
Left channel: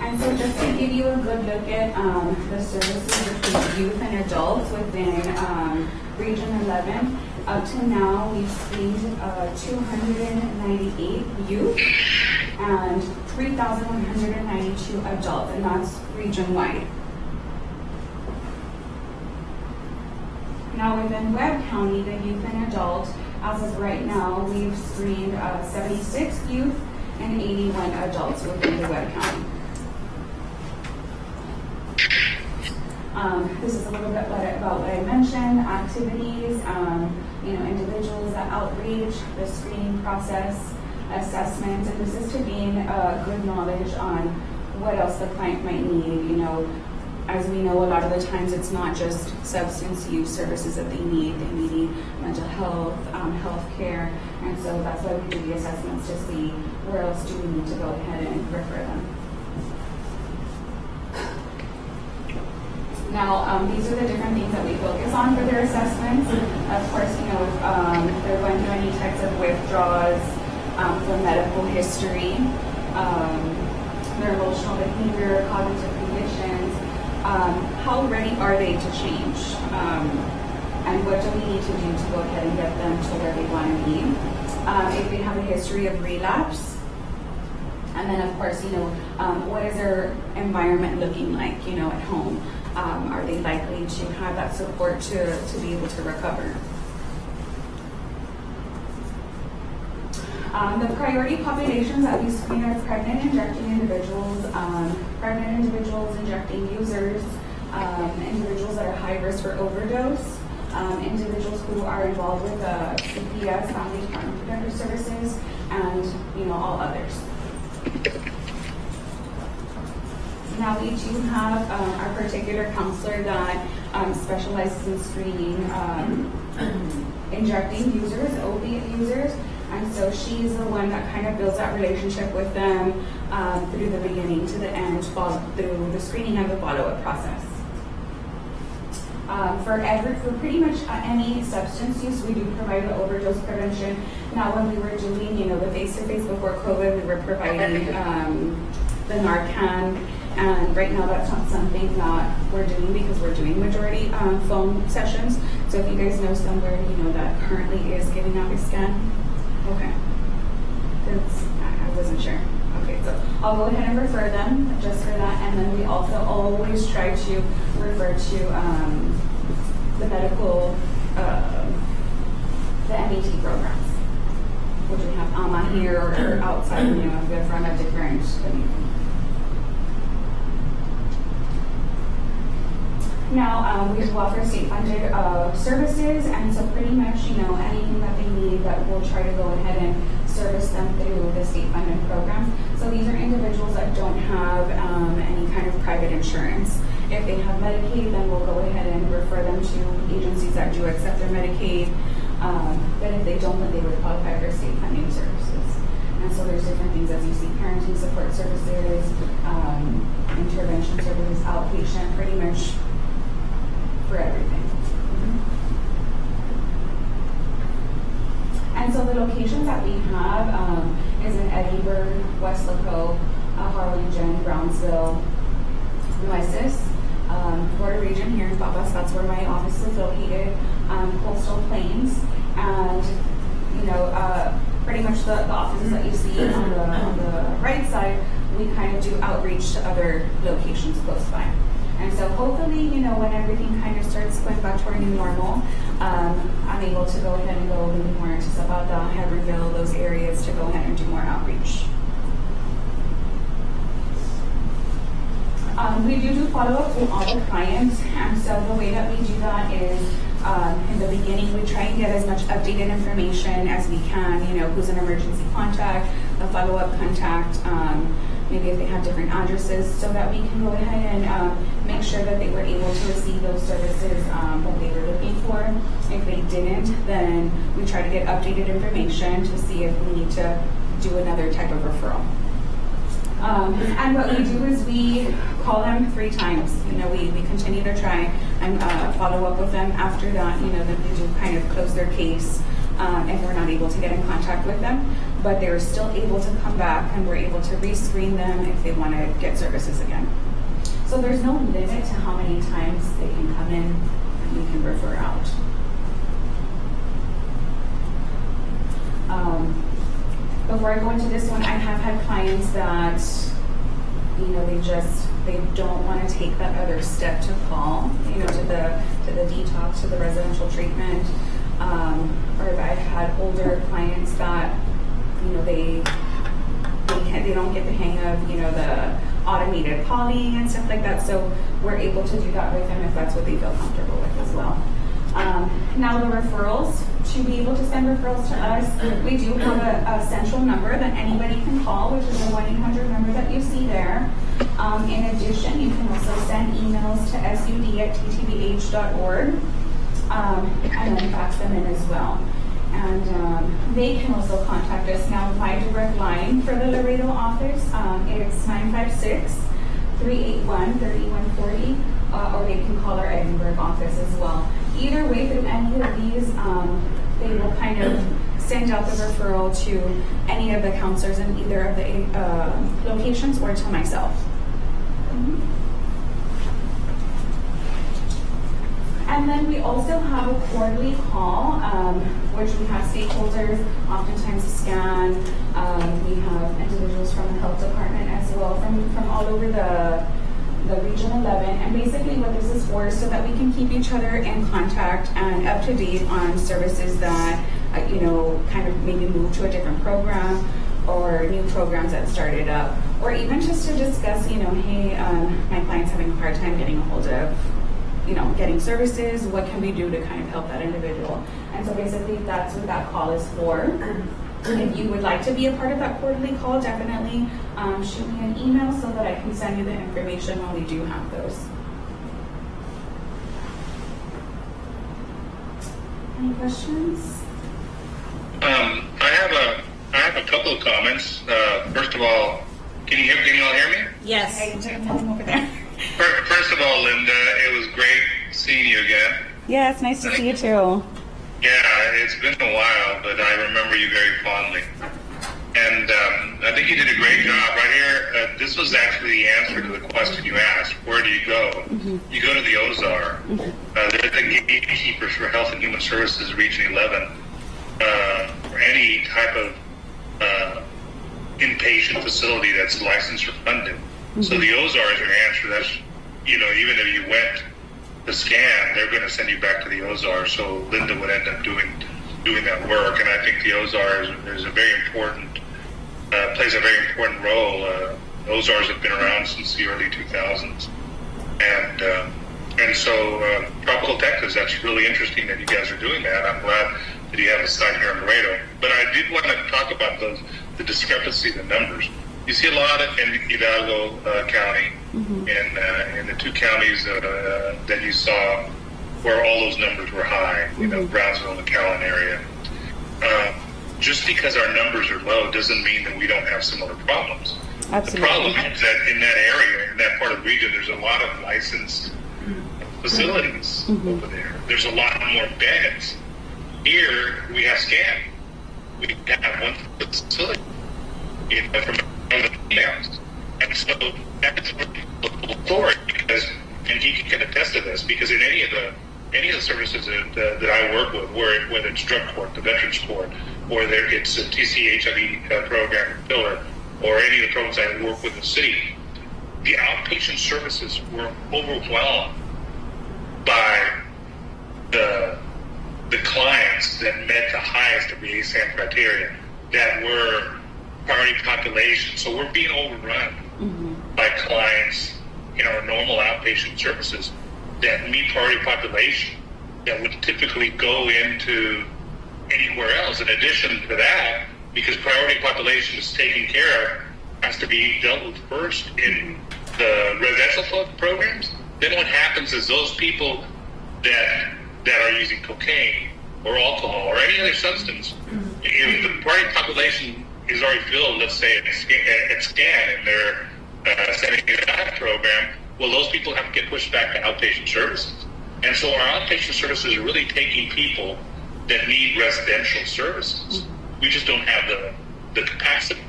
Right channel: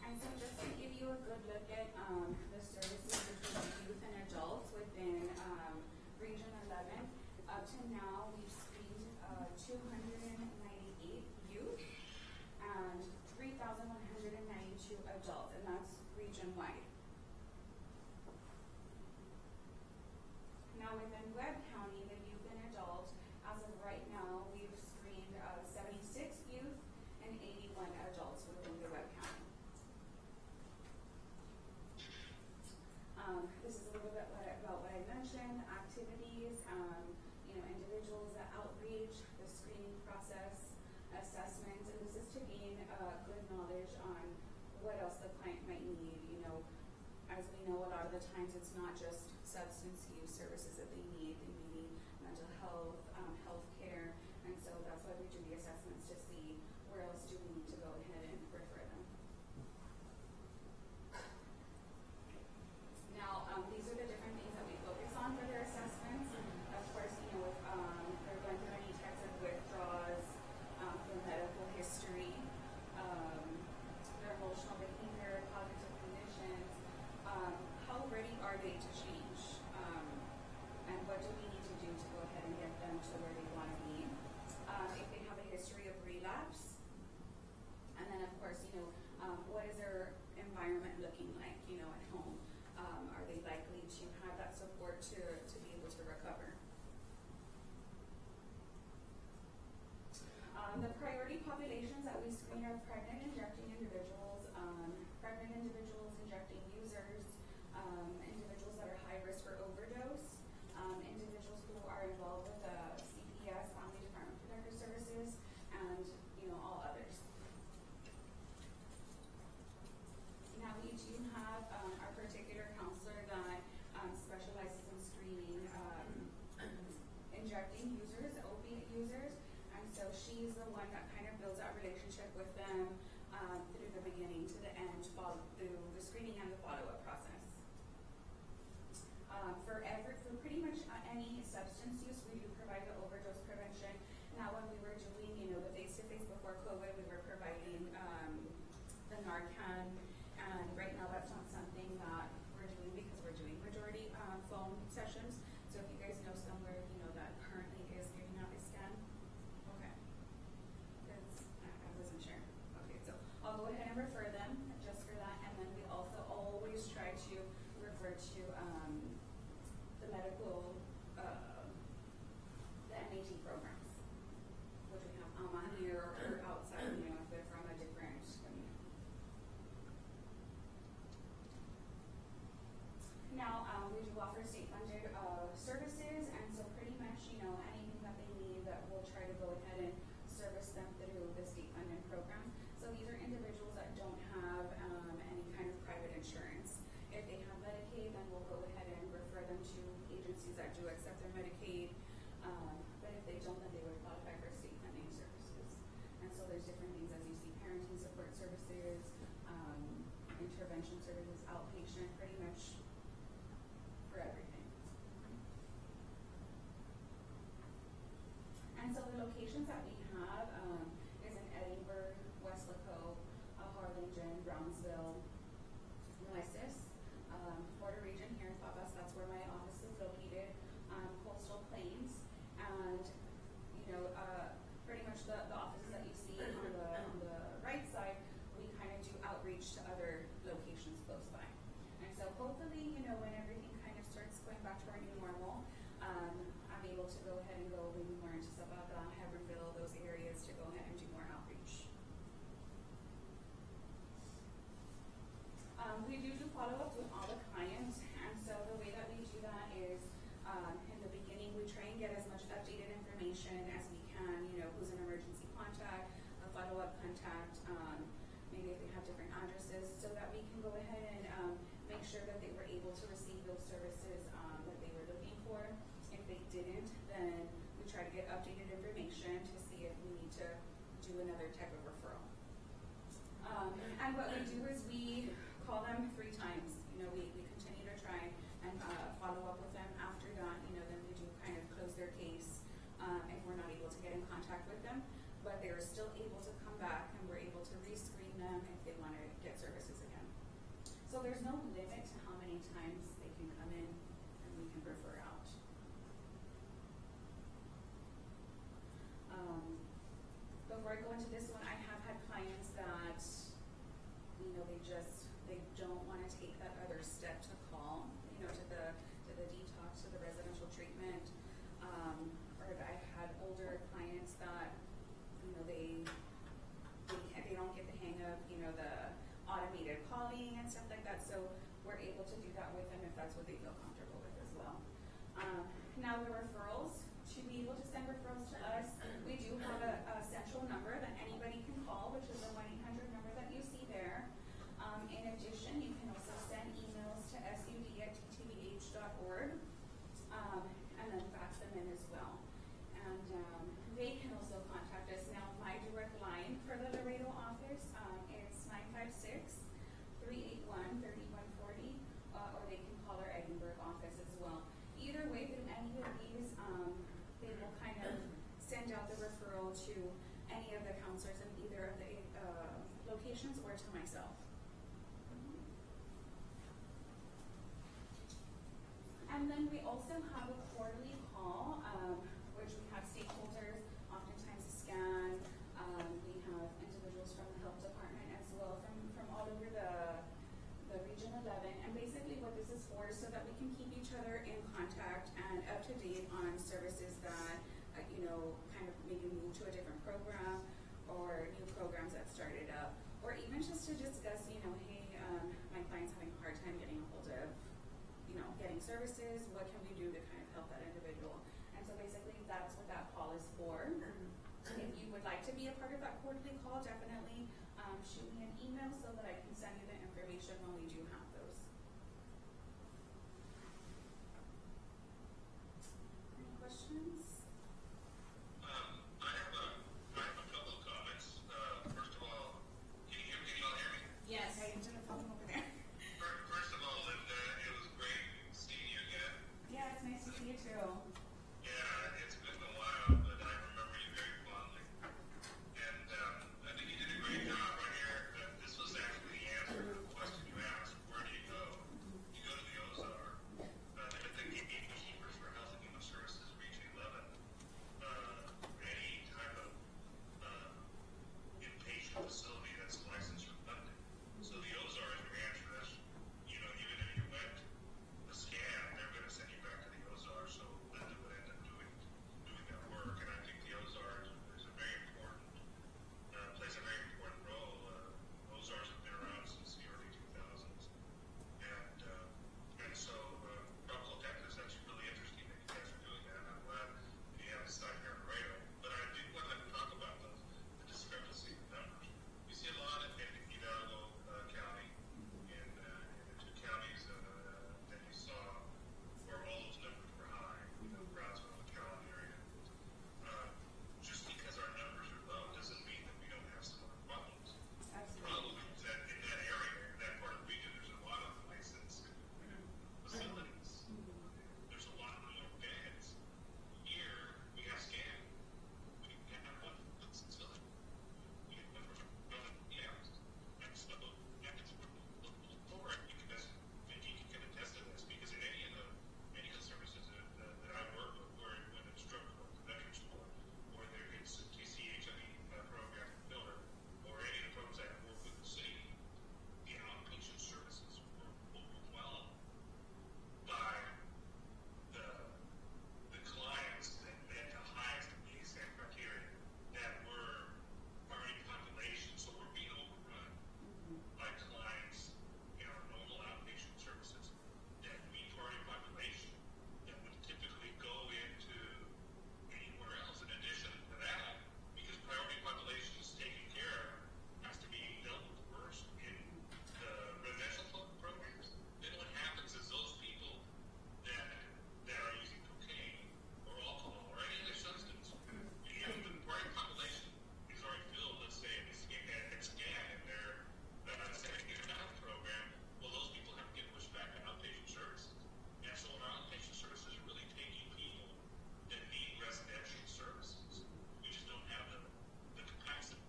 And so just to give you a good look at the services between youth and adults within Region 11, up to now we've screened 298 youth and 3,192 adults, and that's region-wide. Now within Webb County, the youth and adult, as of right now, we've screened 76 youth and 81 adults within the Webb County. This is a little bit about what I mentioned, activities, you know, individuals, the outreach, the screening process, assessment, and this is to gain good knowledge on what else the client might need. You know, as we know, a lot of the times it's not just substance use services that they need mental health, health care, and so that's why we do the assessments to see where else do we need to go ahead and refer them. Now, these are the different things that we focus on for their assessments. Of course, you know, if they're going through any types of withdrawals, for medical history, their emotional behavior, cognitive conditions, how ready are they to change? And what do we need to do to go ahead and get them to where they want to be? If they have a history of relapse, and then of course, you know, what is their environment looking like, you know, at home? Are they likely to have that support to be able to recover? The priority populations that we screen are pregnant injecting individuals, injecting users, individuals that are high risk for overdose, individuals who are involved with CPS, Family Department Protective Services, and you know, all others. Now we do have our particular counselor that specializes in screening injecting users, opiate users, and so she's the one that kind of builds that relationship with them through the beginning to the end, through the screening and the follow-up process. For pretty much any substance use, we do provide the overdose prevention. Now, when we were doing, you know, the face-to-face before COVID, we were providing the Narcan. And right now that's not something that we're doing because we're doing majority phone sessions. So if you guys know somewhere, you know, that currently is giving out a scan, okay. I wasn't sure. Okay, so I'll go ahead and refer them just for that. And then we also always try to refer to the medical, the MET programs, which we have here or outside, you know, if they're from a different community. Now, we do offer state-funded services, and so pretty much, anything that they need, that we'll try to go ahead and service them through the state-funded programs. So these are individuals that don't have any kind of private insurance. If they have Medicaid, then we'll go ahead and refer them to agencies that do accept their Medicaid. But if they don't, then they would qualify for state funding services. And so there's different things, as you see, parenting support services, intervention services, outpatient, pretty much for everything. And so the locations that we have is in Edinburgh, Westlaco, Harlingen, Brownsville, Nueces, Border Region here in Papas, that's where my office is located, Coastal Plains, and pretty much the offices that you see on the right side, we kind of do outreach to other locations close by. And so hopefully, when everything kind of starts going back to our new normal, I'm able to go ahead and go a little bit more into Zapata, Heberville, those areas, to go ahead and do more outreach. We do follow-up with all the clients, and so the way that we do that is, in the beginning, we try and get as much updated information as we can, who's an emergency contact, a follow-up contact, maybe if they have different addresses, so that we can go ahead and make sure that they were able to receive those services that they were looking for. If they didn't, then we try to get updated information to see if we need to do another type of referral. And what we do is we call them 3 times. We continue to try and follow up with them after that, that we do kind of close their case if we're not able to get in contact with them. But they're still able to come back, and we're able to rescreen them if they want to get services again. So there's no limit to how many times they can come in and we can refer out. Before I go into this one, I have had clients that, they don't want to take that other step to call, to the detox, to the residential treatment. Or I've had older clients that, they don't get the hang of, the automated calling and stuff like that. So we're able to do that with them if that's what they feel comfortable with as well. Now the referrals, to be able to send referrals to us, we do have a central number that anybody can call, which is the 1-800 number that you see there. In addition, you can also send emails to sud@ttbh.org, and then fax them in as well. And they can also contact us. Now, my direct line for the Laredo office, it's 956-381-3140, or they can call our Edinburgh office as well. Either way, through any of these, they will kind of send out the referral to any of the counselors in either of the locations, or to myself. And then we also have a quarterly call, which we have stakeholders, oftentimes a scan. We have individuals from the health department as well, from all over the Region 11. And basically what this is for is so that we can keep each other in contact and up to date on services that, kind of maybe move to a different program, or new programs that started up, or even just to discuss, hey, my client's having a hard time getting a hold of, getting services. What can we do to kind of help that individual? And so basically that's what that call is for. If you would like to be a part of that quarterly call, definitely shoot me an email so that I can send you the information when we do have those. Any questions? I have a couple of comments. First of all, can you all hear me? Yes. Okay, tell them over there. First of all, Linda, it was great seeing you again. Yeah, it's nice to see you too. Yeah, it's been a while, but I remember you very fondly. And I think you did a great job right here. This was actually the answer to the question you asked. Where do you go? Mm-hmm. You go to the OZAR. They're the gatekeepers for Health and Human Services Region 11. For any type of inpatient facility that's licensed or funded. Mm-hmm. So the OZAR is your answer. That's, even if you went to scan, they're going to send you back to the OZAR. So Linda would end up doing that work. And I think the OZAR is a very important, plays a very important role. OZARs have been around since the early 2000s. And And so, Tropical Texas, that's really interesting that you guys are doing that. I'm glad that you have a site here in Laredo. But I did want to talk about the discrepancy in the numbers. You see a lot in Hidalgo County, and the two counties that you saw where all those numbers were high, Brownsville and the McAllen area. Just because our numbers are low doesn't mean that we don't have similar problems. Absolutely. The problem is that in that area, in that part of the region, there's a lot of licensed facilities over there. There's a lot more beds. Here, we have SCAN. We have one facility from the females. And so that's a really story because, and he can attest to this, because in any of the services that I work with, whether it's drug court, the veterans court, or it's a TCHIV program pillar, or any of the programs I work with in the city, the outpatient services were overwhelmed by the clients that met the highest of the ASAM criteria that were priority population. So we're being overrun by clients in our normal outpatient services that meet priority population that would typically go into anywhere else. In addition to that, because priority population is taken care of, has to be dealt with first in the residential programs. Then what happens is those people that are using cocaine or alcohol or any other substance, if the priority population is already filled, let's say at SCAN and they're sending it out program, well, those people have to get pushed back to outpatient services. And so our outpatient services are really taking people that need residential services. We just don't have the capacity.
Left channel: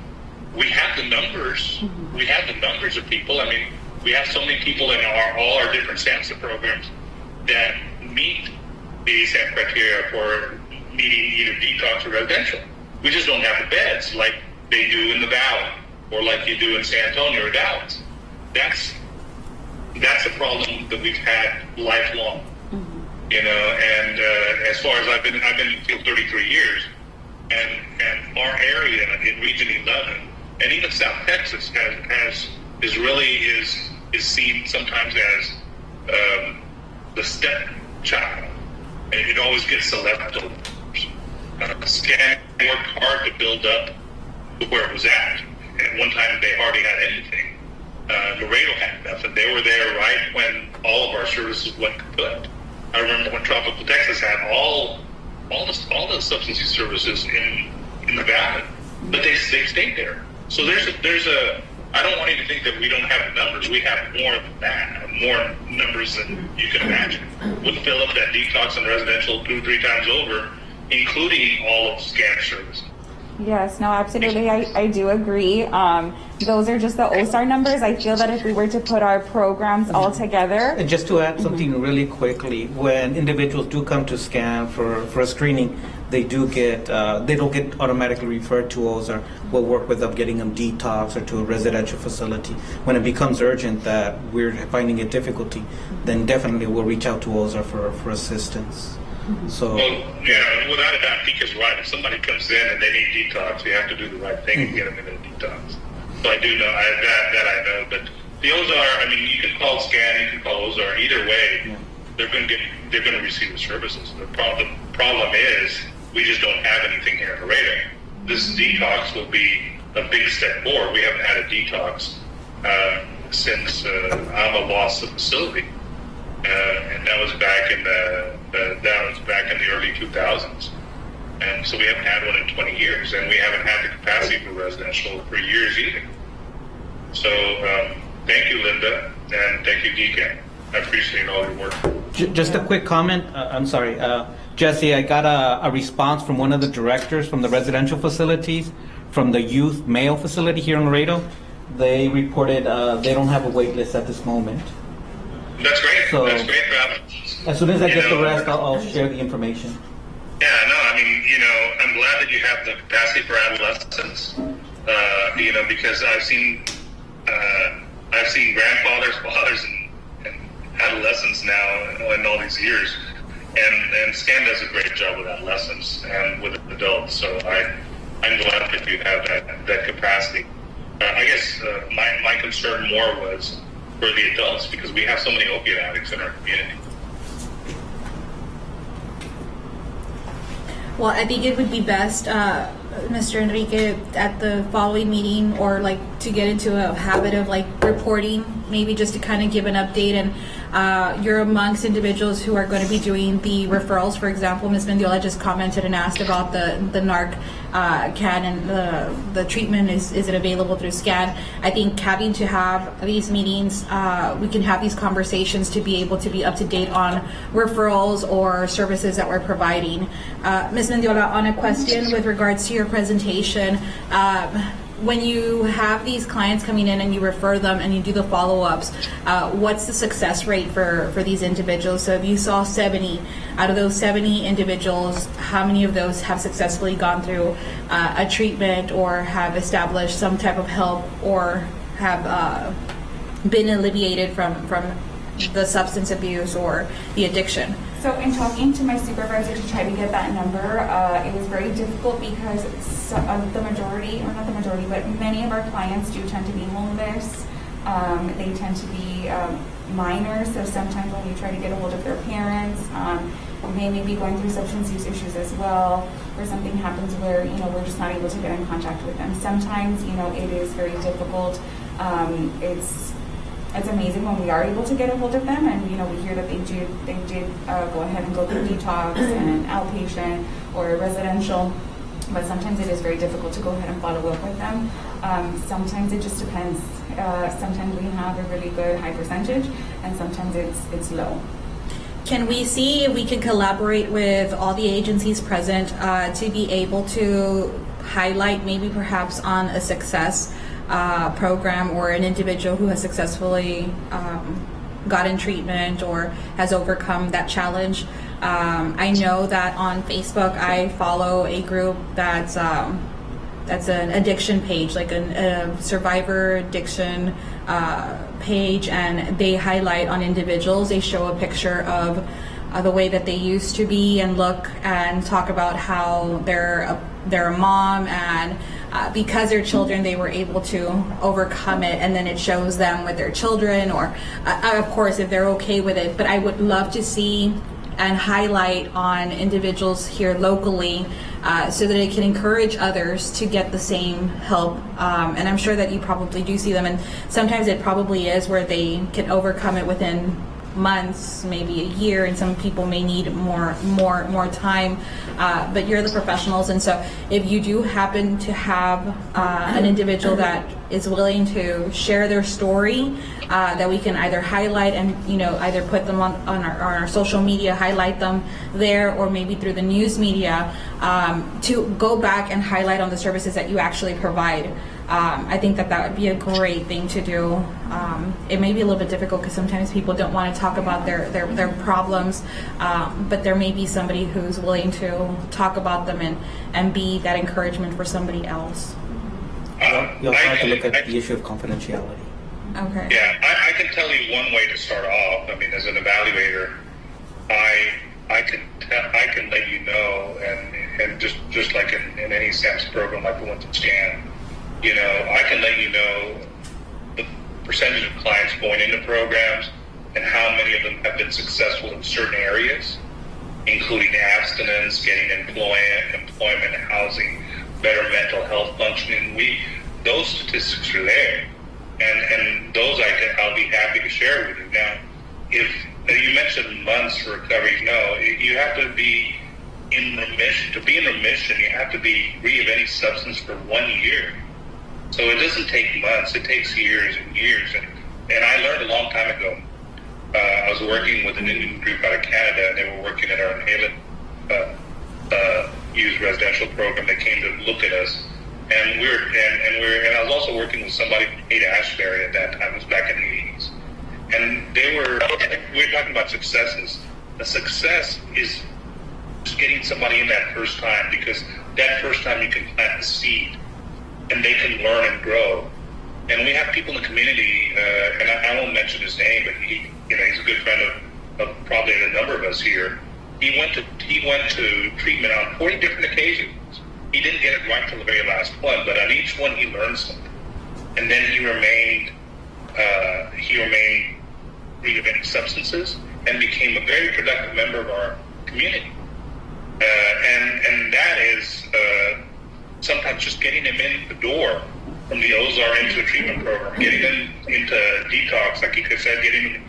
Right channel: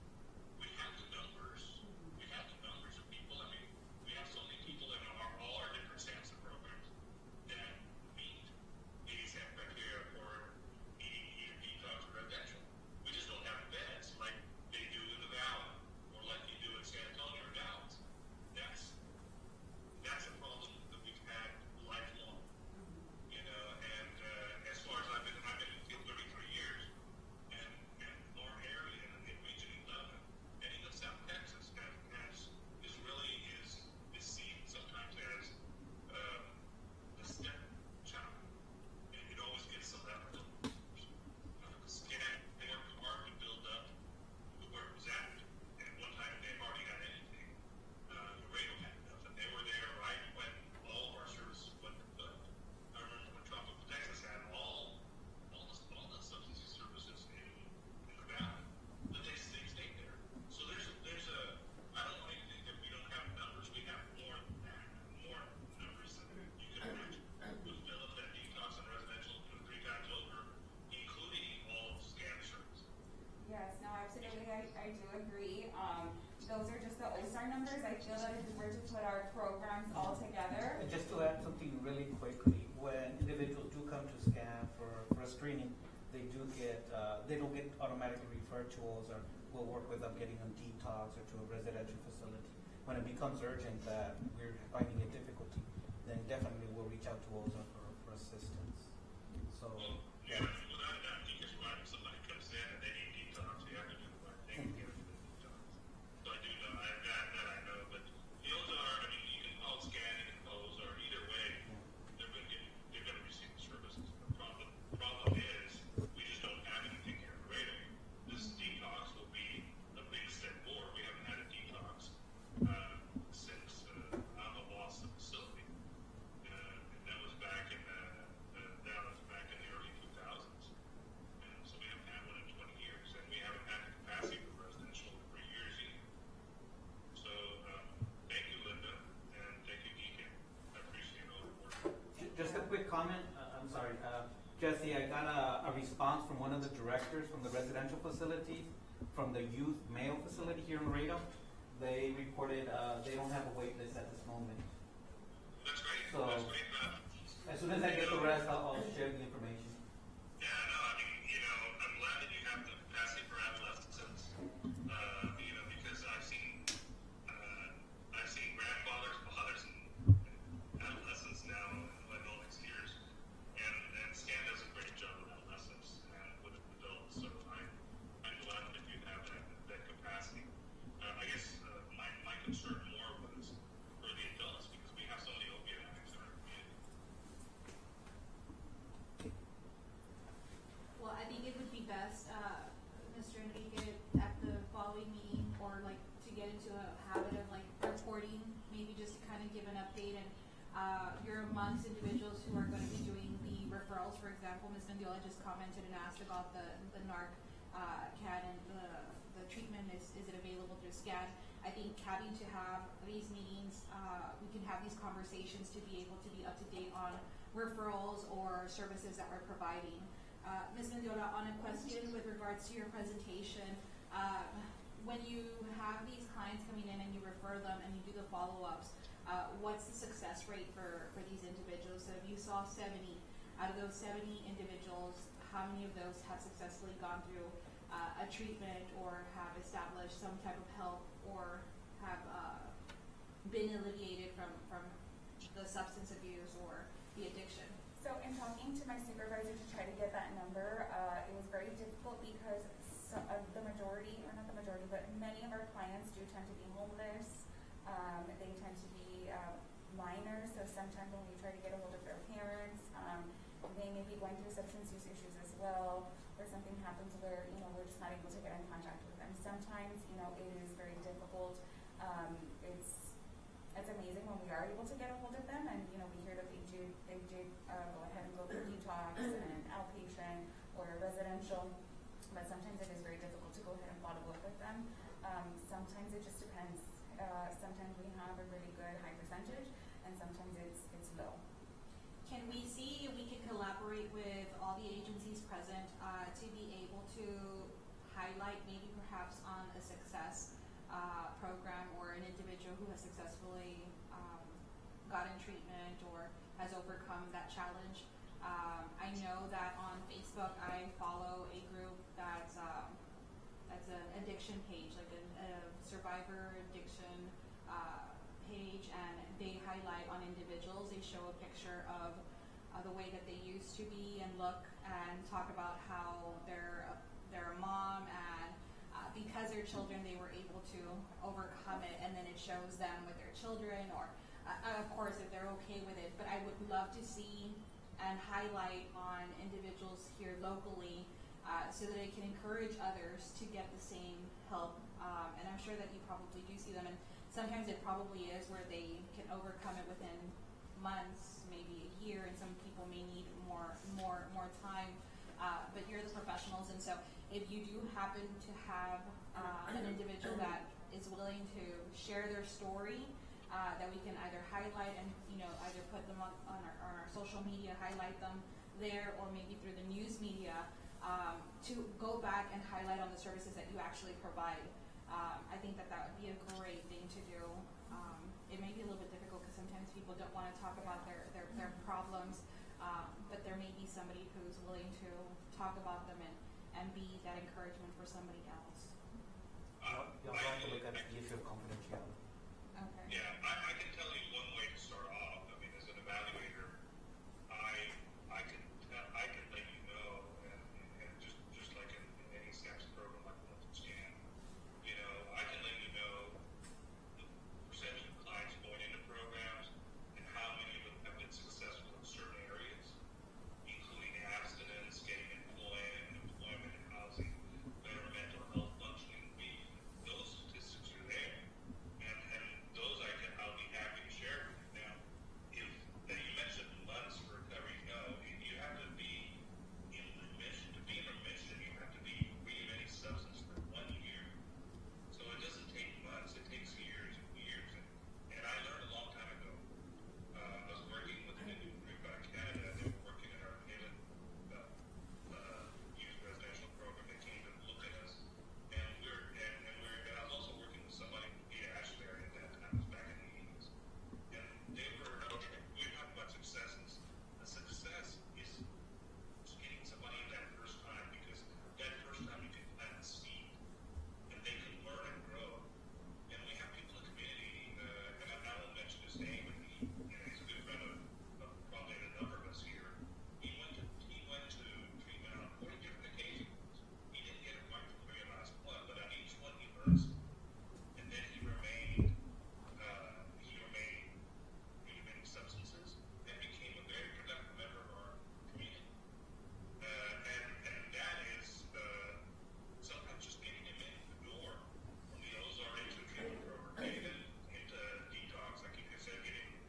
We have the numbers. We have the numbers of people. I mean, we have so many people in all our different SAMHSA programs that meet the ASAP criteria for needing either detox or residential. We just don't have the beds like they do in the Valley or like you do in San Antonio or Dallas. That's a problem that we've had lifelong. And as far as I've been in the field 33 years, and our area in Region 11, and even South Texas is seen sometimes as the stepchild, and it always gets the leftovers. SCAN worked hard to build up to where it was at. At one time, they hardly had anything. Laredo had nothing. They were there right when all of our services went kaput. I remember when Tropical Texas had all the substance use services in the Valley, but they stayed there. So there's a. I don't want you to think that we don't have the numbers. We have more than that, more numbers than you can imagine. We'll fill up that detox and residential 2-3 times over, including all of SCAN services. Yes, no, absolutely. I do agree. Those are just the OSAR numbers. I feel that if we were to put our programs all together. And just to add something really quickly, when individuals do come to SCAN for a screening, they don't get automatically referred to OSAR. We'll work with them getting them detox or to a residential facility. When it becomes urgent that we're finding a difficulty, then definitely we'll reach out to OSAR for assistance. So, well, yeah, without a doubt, Pika's right. If somebody comes in and they need detox, you have to do the right thing and get them into the detox. So I do know that I know. But the OSAR, I mean, you can call SCAN, you can call OSAR. Either way, they're going to receive the services. The problem is we just don't have anything here in Laredo. This detox will be a big step forward. We haven't had a detox since Alma lost the facility, and that was back in the early 2000s. And so we haven't had one in 20 years, and we haven't had the capacity for residential for years either. So thank you, Linda, and thank you, Deacon. I appreciate all your work. Just a quick comment. I'm sorry. Jesse, I got a response from one of the directors from the residential facilities, from the youth male facility here in Laredo. They reported they don't have a wait list at this moment. That's great. So, that's great, Rob. As soon as I get the rest, I'll share the information. Yeah, no, I mean, I'm glad that you have the capacity for adolescents, because I've seen grandfathers, fathers, and adolescents now in all these years, and SCAN does a great job with adolescents and with adults. So I'm glad that you have that capacity. I guess my concern more was for the adults because we have so many opiate addicts in our community. Well, I think it would be best, Mr. Enrique, at the following meeting, or like to get into a habit of like reporting, maybe just to kind of give an update. And you're amongst individuals who are going to be doing the referrals. For example, Ms. Mendiola just commented and asked about the NARC CAN and the treatment. Is it available through SCAN? I think having to have these meetings, we can have these conversations to be able to be up to date on referrals or services that we're providing. Ms. Mendiola, on a question with regards to your presentation, when you have these clients coming in and you refer them and you do the follow-ups, what's the success rate for these individuals? So if you saw 70, out of those 70 individuals, how many of those have successfully gone through a treatment or have established some type of help or have been alleviated from the substance abuse or the addiction? So in talking to my supervisor to try to get that number, it was very difficult because the majority, or not the majority, but many of our clients do tend to be homeless. They tend to be minors, so sometimes when we try to get a hold of their parents, they may be going through substance use issues as well, or something happens where, we're just not able to get in contact with them. Sometimes, it is very difficult. It's amazing when we are able to get a hold of them, and we hear that they did go ahead and go through detox and outpatient or residential, but sometimes it is very difficult to go ahead and follow up with them. Sometimes it just depends. Sometimes we have a really good high percentage, and sometimes it's low. Can we see if we can collaborate with all the agencies present to be able to highlight maybe perhaps on a success program or an individual who has successfully gotten treatment or has overcome that challenge? I know that on Facebook I follow a group that's an addiction page, like a survivor addiction page, and they highlight on individuals. They show a picture of the way that they used to be and look, and talk about how they're a mom, and because they're children, they were able to overcome it, and then it shows them with their children, or of course if they're okay with it. But I would love to see and highlight on individuals here locally, so that it can encourage others to get the same help. And I'm sure that you probably do see them, and sometimes it probably is where they can overcome it within months, maybe a year, and some people may need more time, but you're the professionals, and so if you do happen to have an individual that is willing to share their story, that we can either highlight and either put them on our social media, highlight them there, or maybe through the news media, to go back and highlight on the services that you actually provide. I think that would be a great thing to do. It may be a little bit difficult because sometimes people don't want to talk about their problems, but there may be somebody who's willing to talk about them and be that encouragement for somebody else. You also have to look at the issue of confidentiality. Okay. Yeah, I can tell you one way to start off. I mean, as an evaluator, I can let you know, and just like in any SAMS program, like the one to SCAN, I can let you know the percentage of clients going into programs and how many of them have been successful in certain areas, including abstinence, getting employment, housing, better mental health functioning. Those statistics are there, and those I'll be happy to share with you. Now, if you mentioned months for recovery, no, you have to be in remission. To be in remission, you have to be free of any substance for 1 year. So it doesn't take months, it takes years and years. And I learned a long time ago. I was working with an Indian group out of Canada, and they were working at our inhalant youth residential program. They came to look at us, and I was also working with somebody from Haight-Ashbury at that time. It was back in the 80s, and we were talking about successes. The success is just getting somebody in that first time, because that first time you can plant the seed, and they can learn and grow. And we have people in the community, and I won't mention his name, but he's a good friend of probably a number of us here. He went to treatment on 40 different occasions. He didn't get it right till the very last one, but on each one he learned something. And then he remained he remained free of any substances and became a very productive member of our community. And that is sometimes just getting him in the door from the Ozar into a treatment program, getting them into detox, like you said, getting them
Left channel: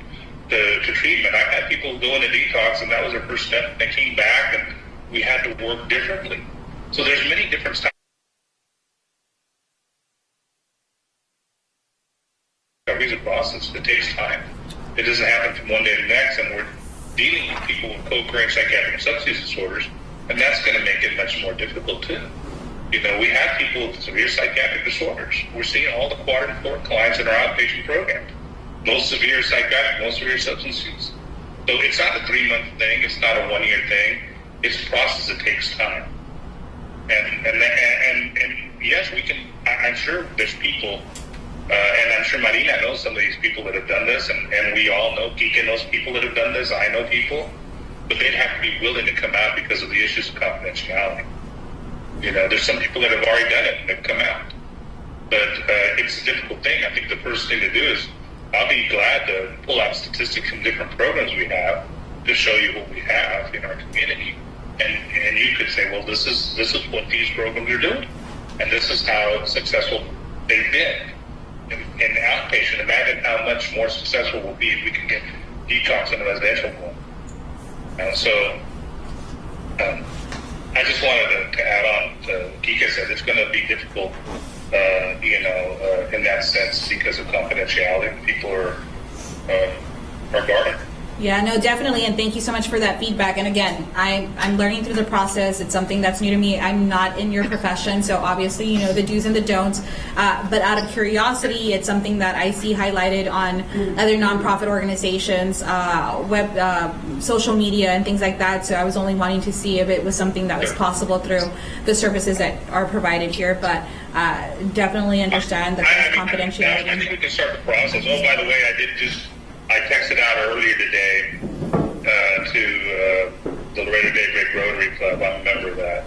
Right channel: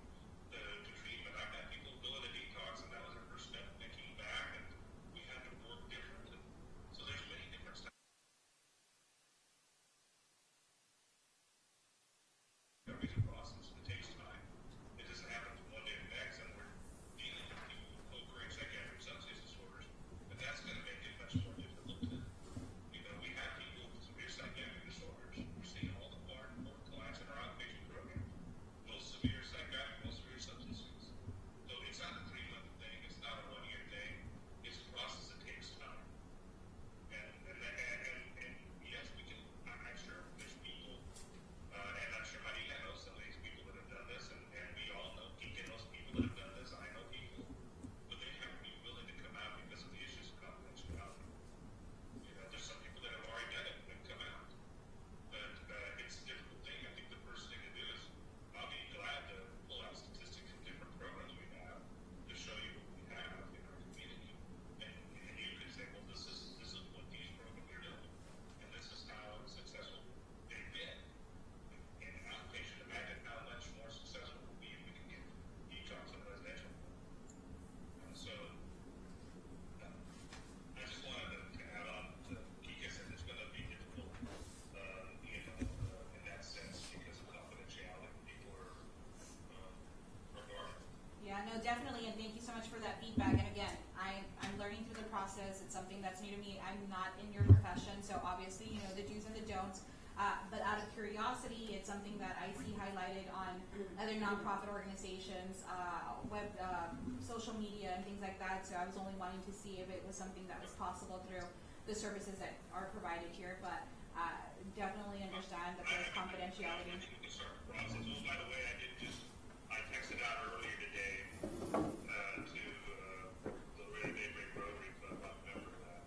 to treatment. I've had people go into detox, and that was their first step. They came back, and we had to work differently. So there's many different styles. Recovery is a process. It takes time. It doesn't happen from one day to the next, and we're dealing with people with co-occurring psychiatric and substance disorders, and that's going to make it much more difficult too. You know, we have people with severe psychiatric disorders. We're seeing all the quadrant 4 clients in our outpatient program. Most severe psychiatric, most severe substance use. So it's not a 3-month thing. It's not a 1-year thing. It's a process that takes time. And yes, we can. I'm sure there's people, and I'm sure Marina knows some of these people that have done this, and we all know. Kika knows people that have done this. I know people, but they'd have to be willing to come out because of the issues of confidentiality. You know, there's some people that have already done it and they've come out. But it's a difficult thing. I think the first thing to do is, I'll be glad to pull out statistics from different programs we have to show you what we have in our community. And you could say, well, this is what these programs are doing. And this is how successful they've been. In outpatient, imagine how much more successful we'll be if we can get detox in a residential home. I just wanted to add on to Kika said it's going to be difficult, in that sense because of confidentiality. People are guarded. Yeah, no, definitely, and thank you so much for that feedback. And again, I'm learning through the process. It's something that's new to me. I'm not in your profession, so obviously, you know, the do's and the don'ts. But out of curiosity, it's something that I see highlighted on other nonprofit organizations, social media, and things like that. So I was only wanting to see if it was something that was possible through the services that are provided here. But definitely understand that there's confidentiality. I think we can start the process. Oh, by the way, I texted out earlier today to the Laredo Daybreak Rotary Club. I'm a member of that.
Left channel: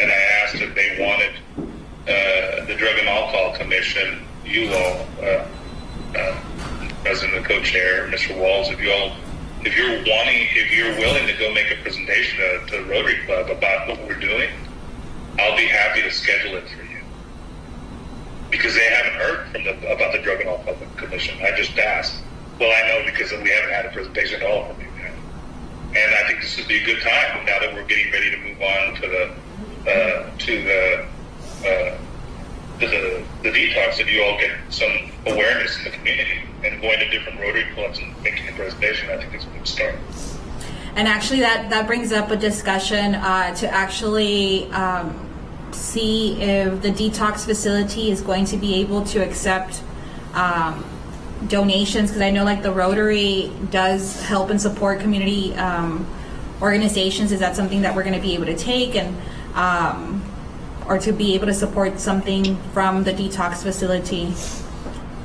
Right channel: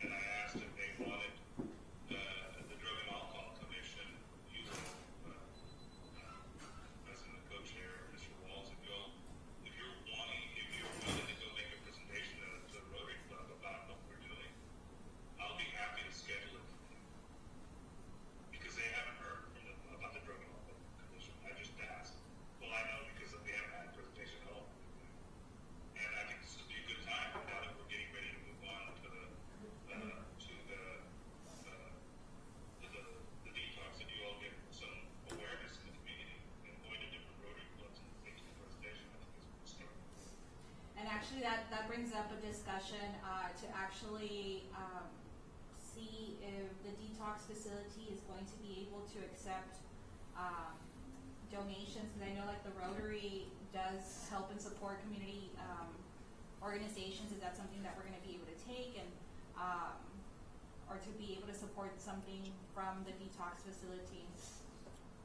And I asked if they wanted the Drug and Alcohol Commission, you all, President and Co-Chair, Mr. Walls, if you're willing to go make a presentation to the Rotary Club about what we're doing, I'll be happy to schedule it for you. Because they haven't heard about the Drug and Alcohol Commission. I just asked. Well, I know because we haven't had a presentation at all from you yet. And I think this would be a good time now that we're getting ready to move on to the detox, that you all get some awareness in the community and going to different Rotary clubs and making a presentation. I think it's a good start. And actually, that brings up a discussion to actually see if the detox facility is going to be able to accept donations, because I know like the Rotary does help and support community organizations. Is that something that we're going to be able to take and or to be able to support something from the detox facility?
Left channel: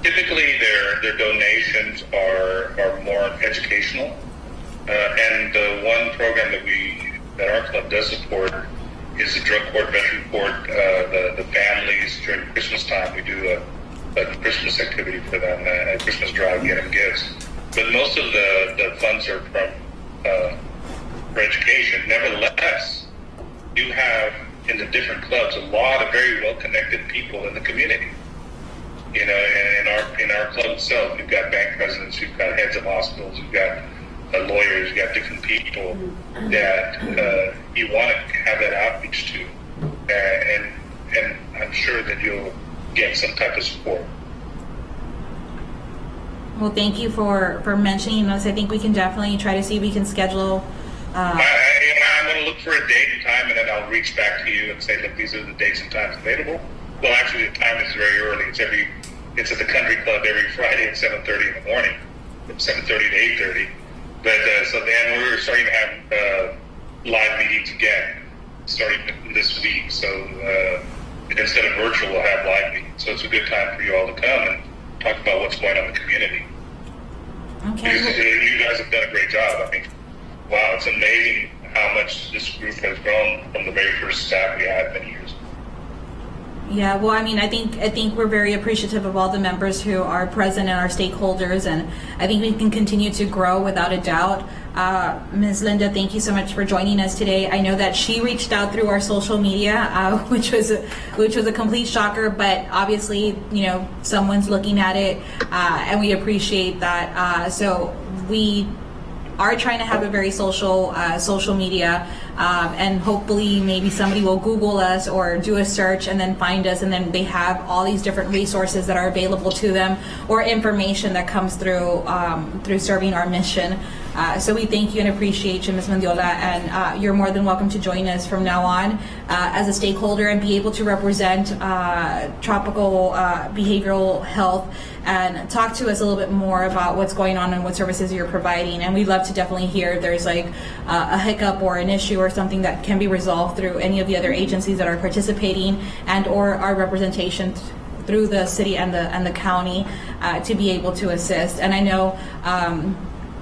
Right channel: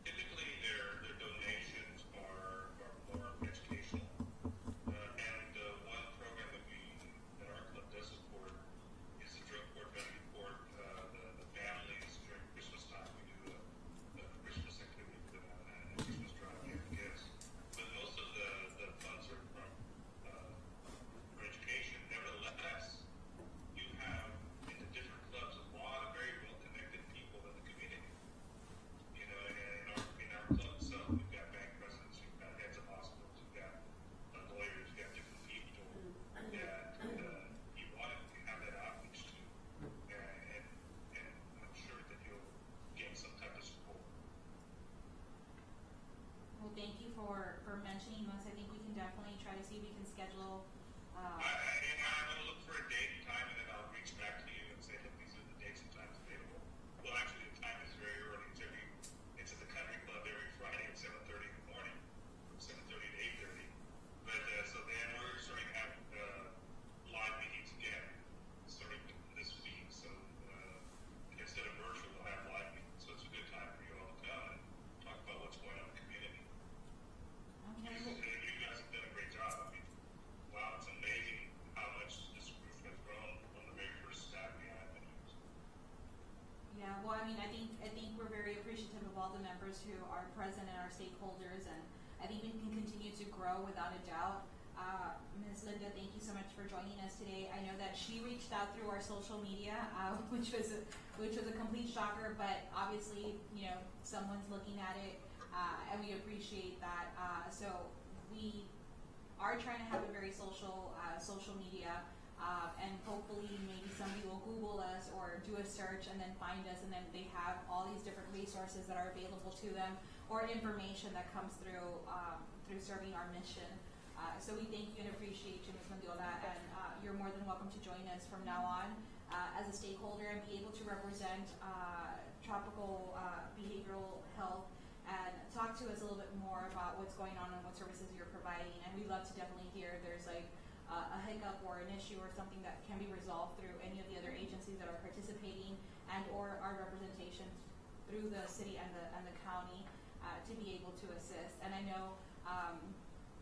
Typically, their donations are more educational, and the one program that our club does support is the drug court, veteran court. The families during Christmas time, we do a Christmas activity for them, a Christmas drive, get them gifts. But most of the funds are for education. Nevertheless, you have in the different clubs a lot of very well-connected people in the community. You know, in our club itself, we've got bank presidents, we've got heads of hospitals, we've got lawyers, we've got different people that you want to have that outreach to, and I'm sure that you'll get some type of support. Well, thank you for mentioning this. I think we can definitely try to see if we can schedule. I'm going to look for a date and time, and then I'll reach back to you and say that these are the dates and times available. Well, actually, the time is very early. It's at the Country Club every Friday at 7:30 in the morning, from 7:30 to 8:30. But so then we're starting to have live meetings again, starting this week. So instead of virtual, we'll have live meetings. So it's a good time for you all to come and talk about what's going on in the community. Okay. Because you guys have done a great job. I mean, wow, it's amazing how much this group has grown from the very first staff we had many years ago. Yeah, well, I mean, I think we're very appreciative of all the members who are present and our stakeholders, and I think we can continue to grow without a doubt. Ms. Linda, thank you so much for joining us today. I know that she reached out through our social media, which was a complete shocker, but obviously, someone's looking at it, and we appreciate that. So we are trying to have a very social media, and hopefully maybe somebody will Google us or do a search and then find us, and then they have all these different resources that are available to them, or information that comes through serving our mission. So we thank you and appreciate you, Ms. Mendiola, and you're more than welcome to join us from now on as a stakeholder and be able to represent tropical behavioral health and talk to us a little bit more about what's going on and what services you're providing. And we'd love to definitely hear if there's like a hiccup or an issue or something that can be resolved through any of the other agencies that are participating, and or our representation through the city and the county to be able to assist. And I know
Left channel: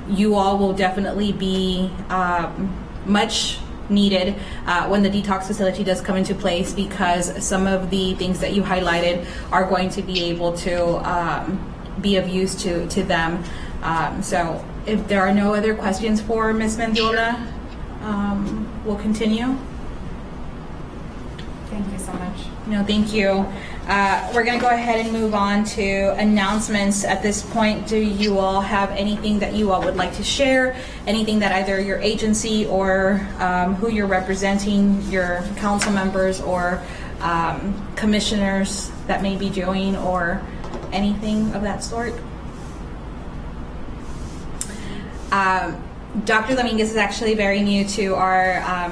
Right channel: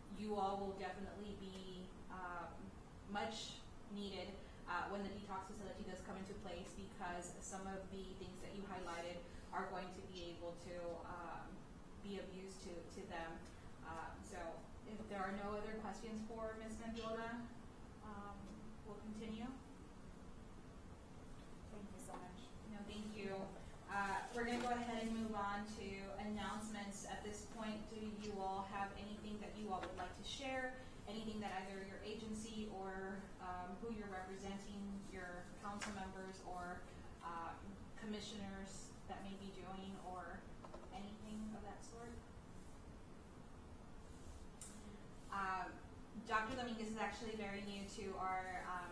you all will definitely be much needed when the detox facility does come into place, because some of the things that you highlighted are going to be able to be of use to them. So if there are no other questions for Ms. Mendiola, we'll continue. Thank you so much. No, thank you. We're going to go ahead and move on to announcements. At this point, do you all have anything that you all would like to share? Anything that either your agency or who you're representing, your council members or commissioners that may be doing, or anything of that sort? Dr. Dominguez is actually very new to our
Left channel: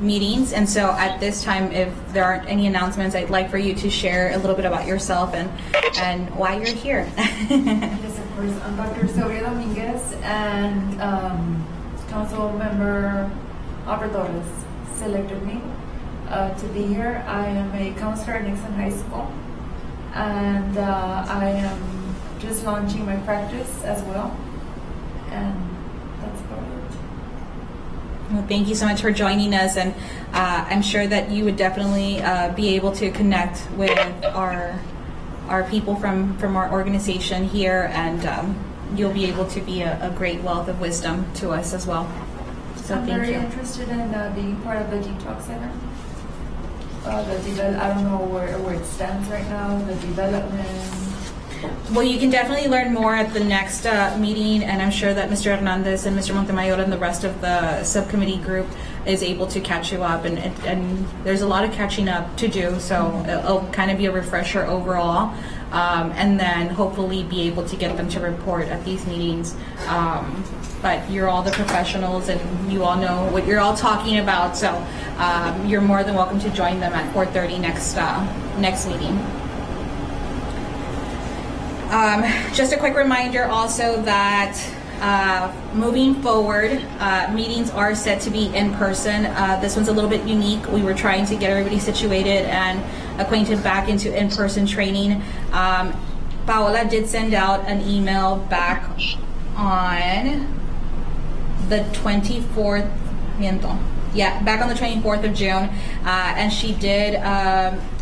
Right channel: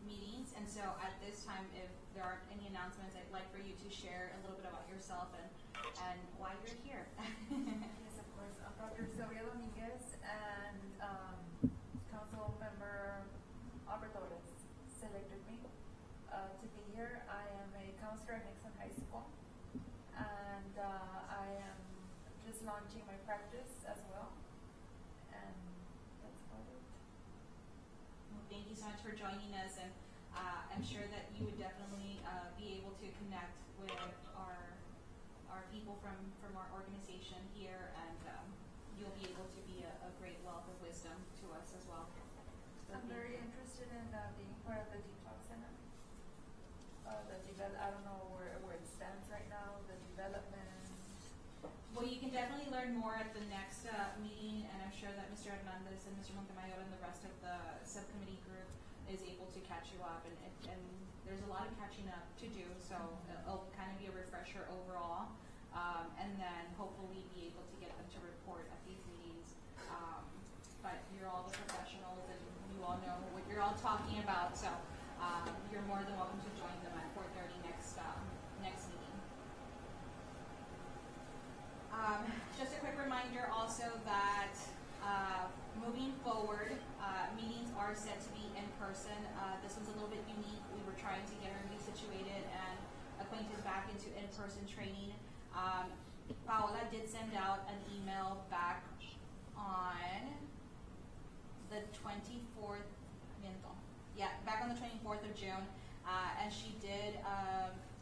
meetings, and so at this time, if there aren't any announcements, I'd like for you to share a little bit about yourself and why you're here. Yes, of course. I'm Dr. Sylvia Dominguez, and Council Member Albert Torres selected me to be here. I am a counselor at Nixon High School, and I am just launching my practice as well, and that's about it. Well, thank you so much for joining us, and I'm sure that you would definitely be able to connect with our people from our organization here, and you'll be able to be a great wealth of wisdom to us as well. So I'm thank very you. interested in being part of the Detox Center. I don't know where it stands right now, the development. Well, you can definitely learn more at the next meeting, and I'm sure that Mr. Hernandez and Mr. Montemayor and the rest of the subcommittee group is able to catch you up, and there's a lot of catching up to do, so it'll kind of be a refresher overall, and then hopefully be able to get them to report at these meetings. But you're all the professionals, and you all know what you're all talking about, so you're more than welcome to join them at 4:30 next meeting. Just a quick reminder also that moving forward, meetings are set to be in person. This one's a little bit unique. We were trying to get everybody situated and acquainted back into in-person training. Paola did send out an email back on the 24th, back on the 24th of June, and she did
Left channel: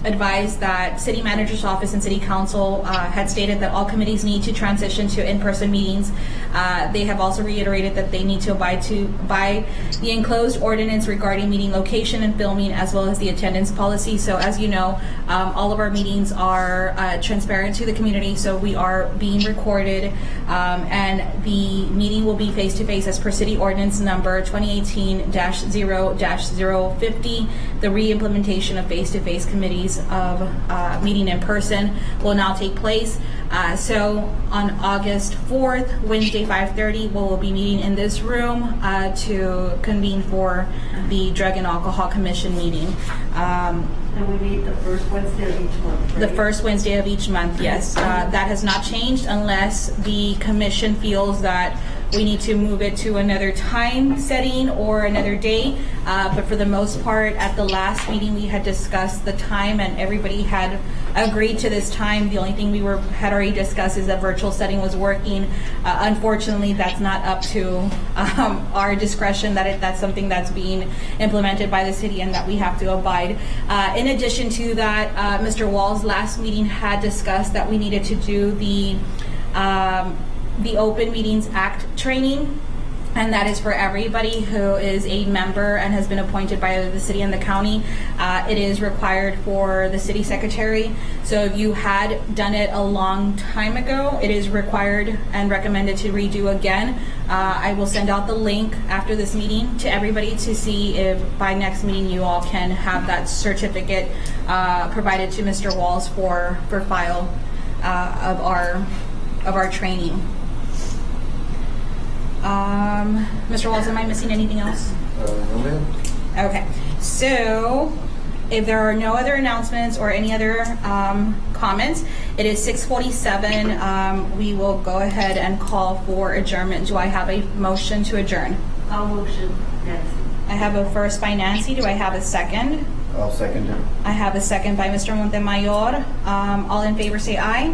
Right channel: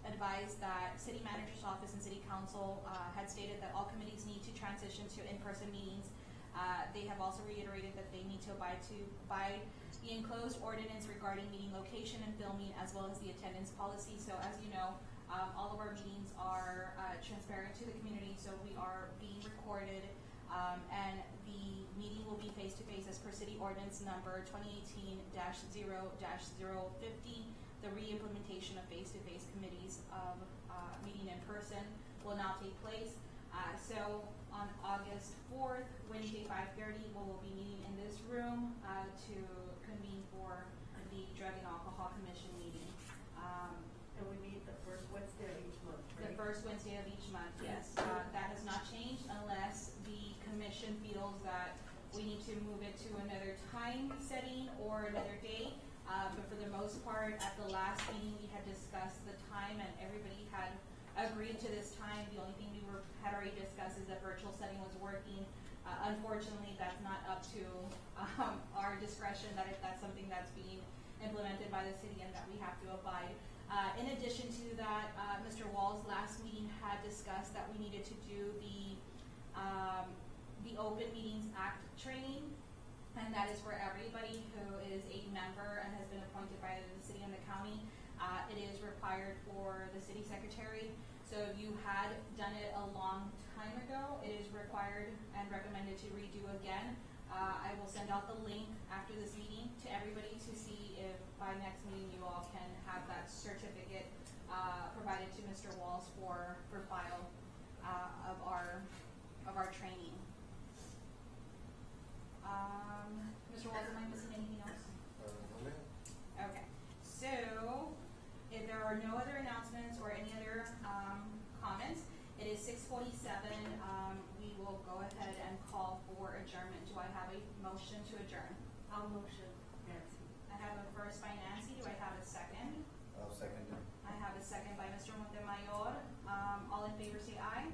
advise that City Manager's Office and City Council had stated that all committees need to transition to in-person meetings. They have also reiterated that they need to abide by the enclosed ordinance regarding meeting location and filming, as well as the attendance policy. So as you know, all of our meetings are transparent to the community, so we are being recorded, and the meeting will be face-to-face as per City Ordinance number 2018-0-050. The re-implementation of face-to-face committees of meeting in person will now take place. So on August 4th, Wednesday, 5:30, we'll be meeting in this room to convene for the Drug and Alcohol Commission meeting. And we meet the first Wednesday of each month, right? The first Wednesday of each month, yes. That has not changed unless the commission feels that we need to move it to another time setting or another day. But for the most part, at the last meeting, we had discussed the time, and everybody had agreed to this time. The only thing we had already discussed is that virtual setting was working. Unfortunately, that's not up to our discretion. That's something that's being implemented by the city and that we have to abide. In addition to that, Mr. Wall's last meeting had discussed that we needed to do the Open Meetings Act training. And that is for everybody who is a member and has been appointed by the city and the county. It is required for the city secretary. So if you had done it a long time ago, it is required and recommended to redo again. I will send out the link after this meeting to everybody to see if by next meeting you all can have that certificate provided to Mr. Walls for file of our training. Mr. Walls, am I missing anything else? No, ma'am. Okay, so if there are no other announcements or any other comments, it is 6:47. We will go ahead and call for adjournment. Do I have a motion to adjourn? I'll motion, Nancy. I have a first by Nancy. Do I have a second? I'll second it. I have a second by Mr. Montemayor. All in favor say aye.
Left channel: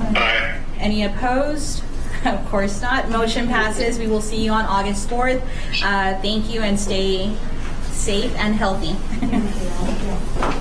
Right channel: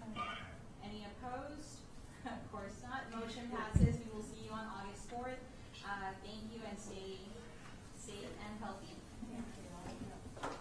Aye. Any opposed? Of course not. Motion passes. We will see you on August 4th. Thank you and stay safe and healthy. Thank you.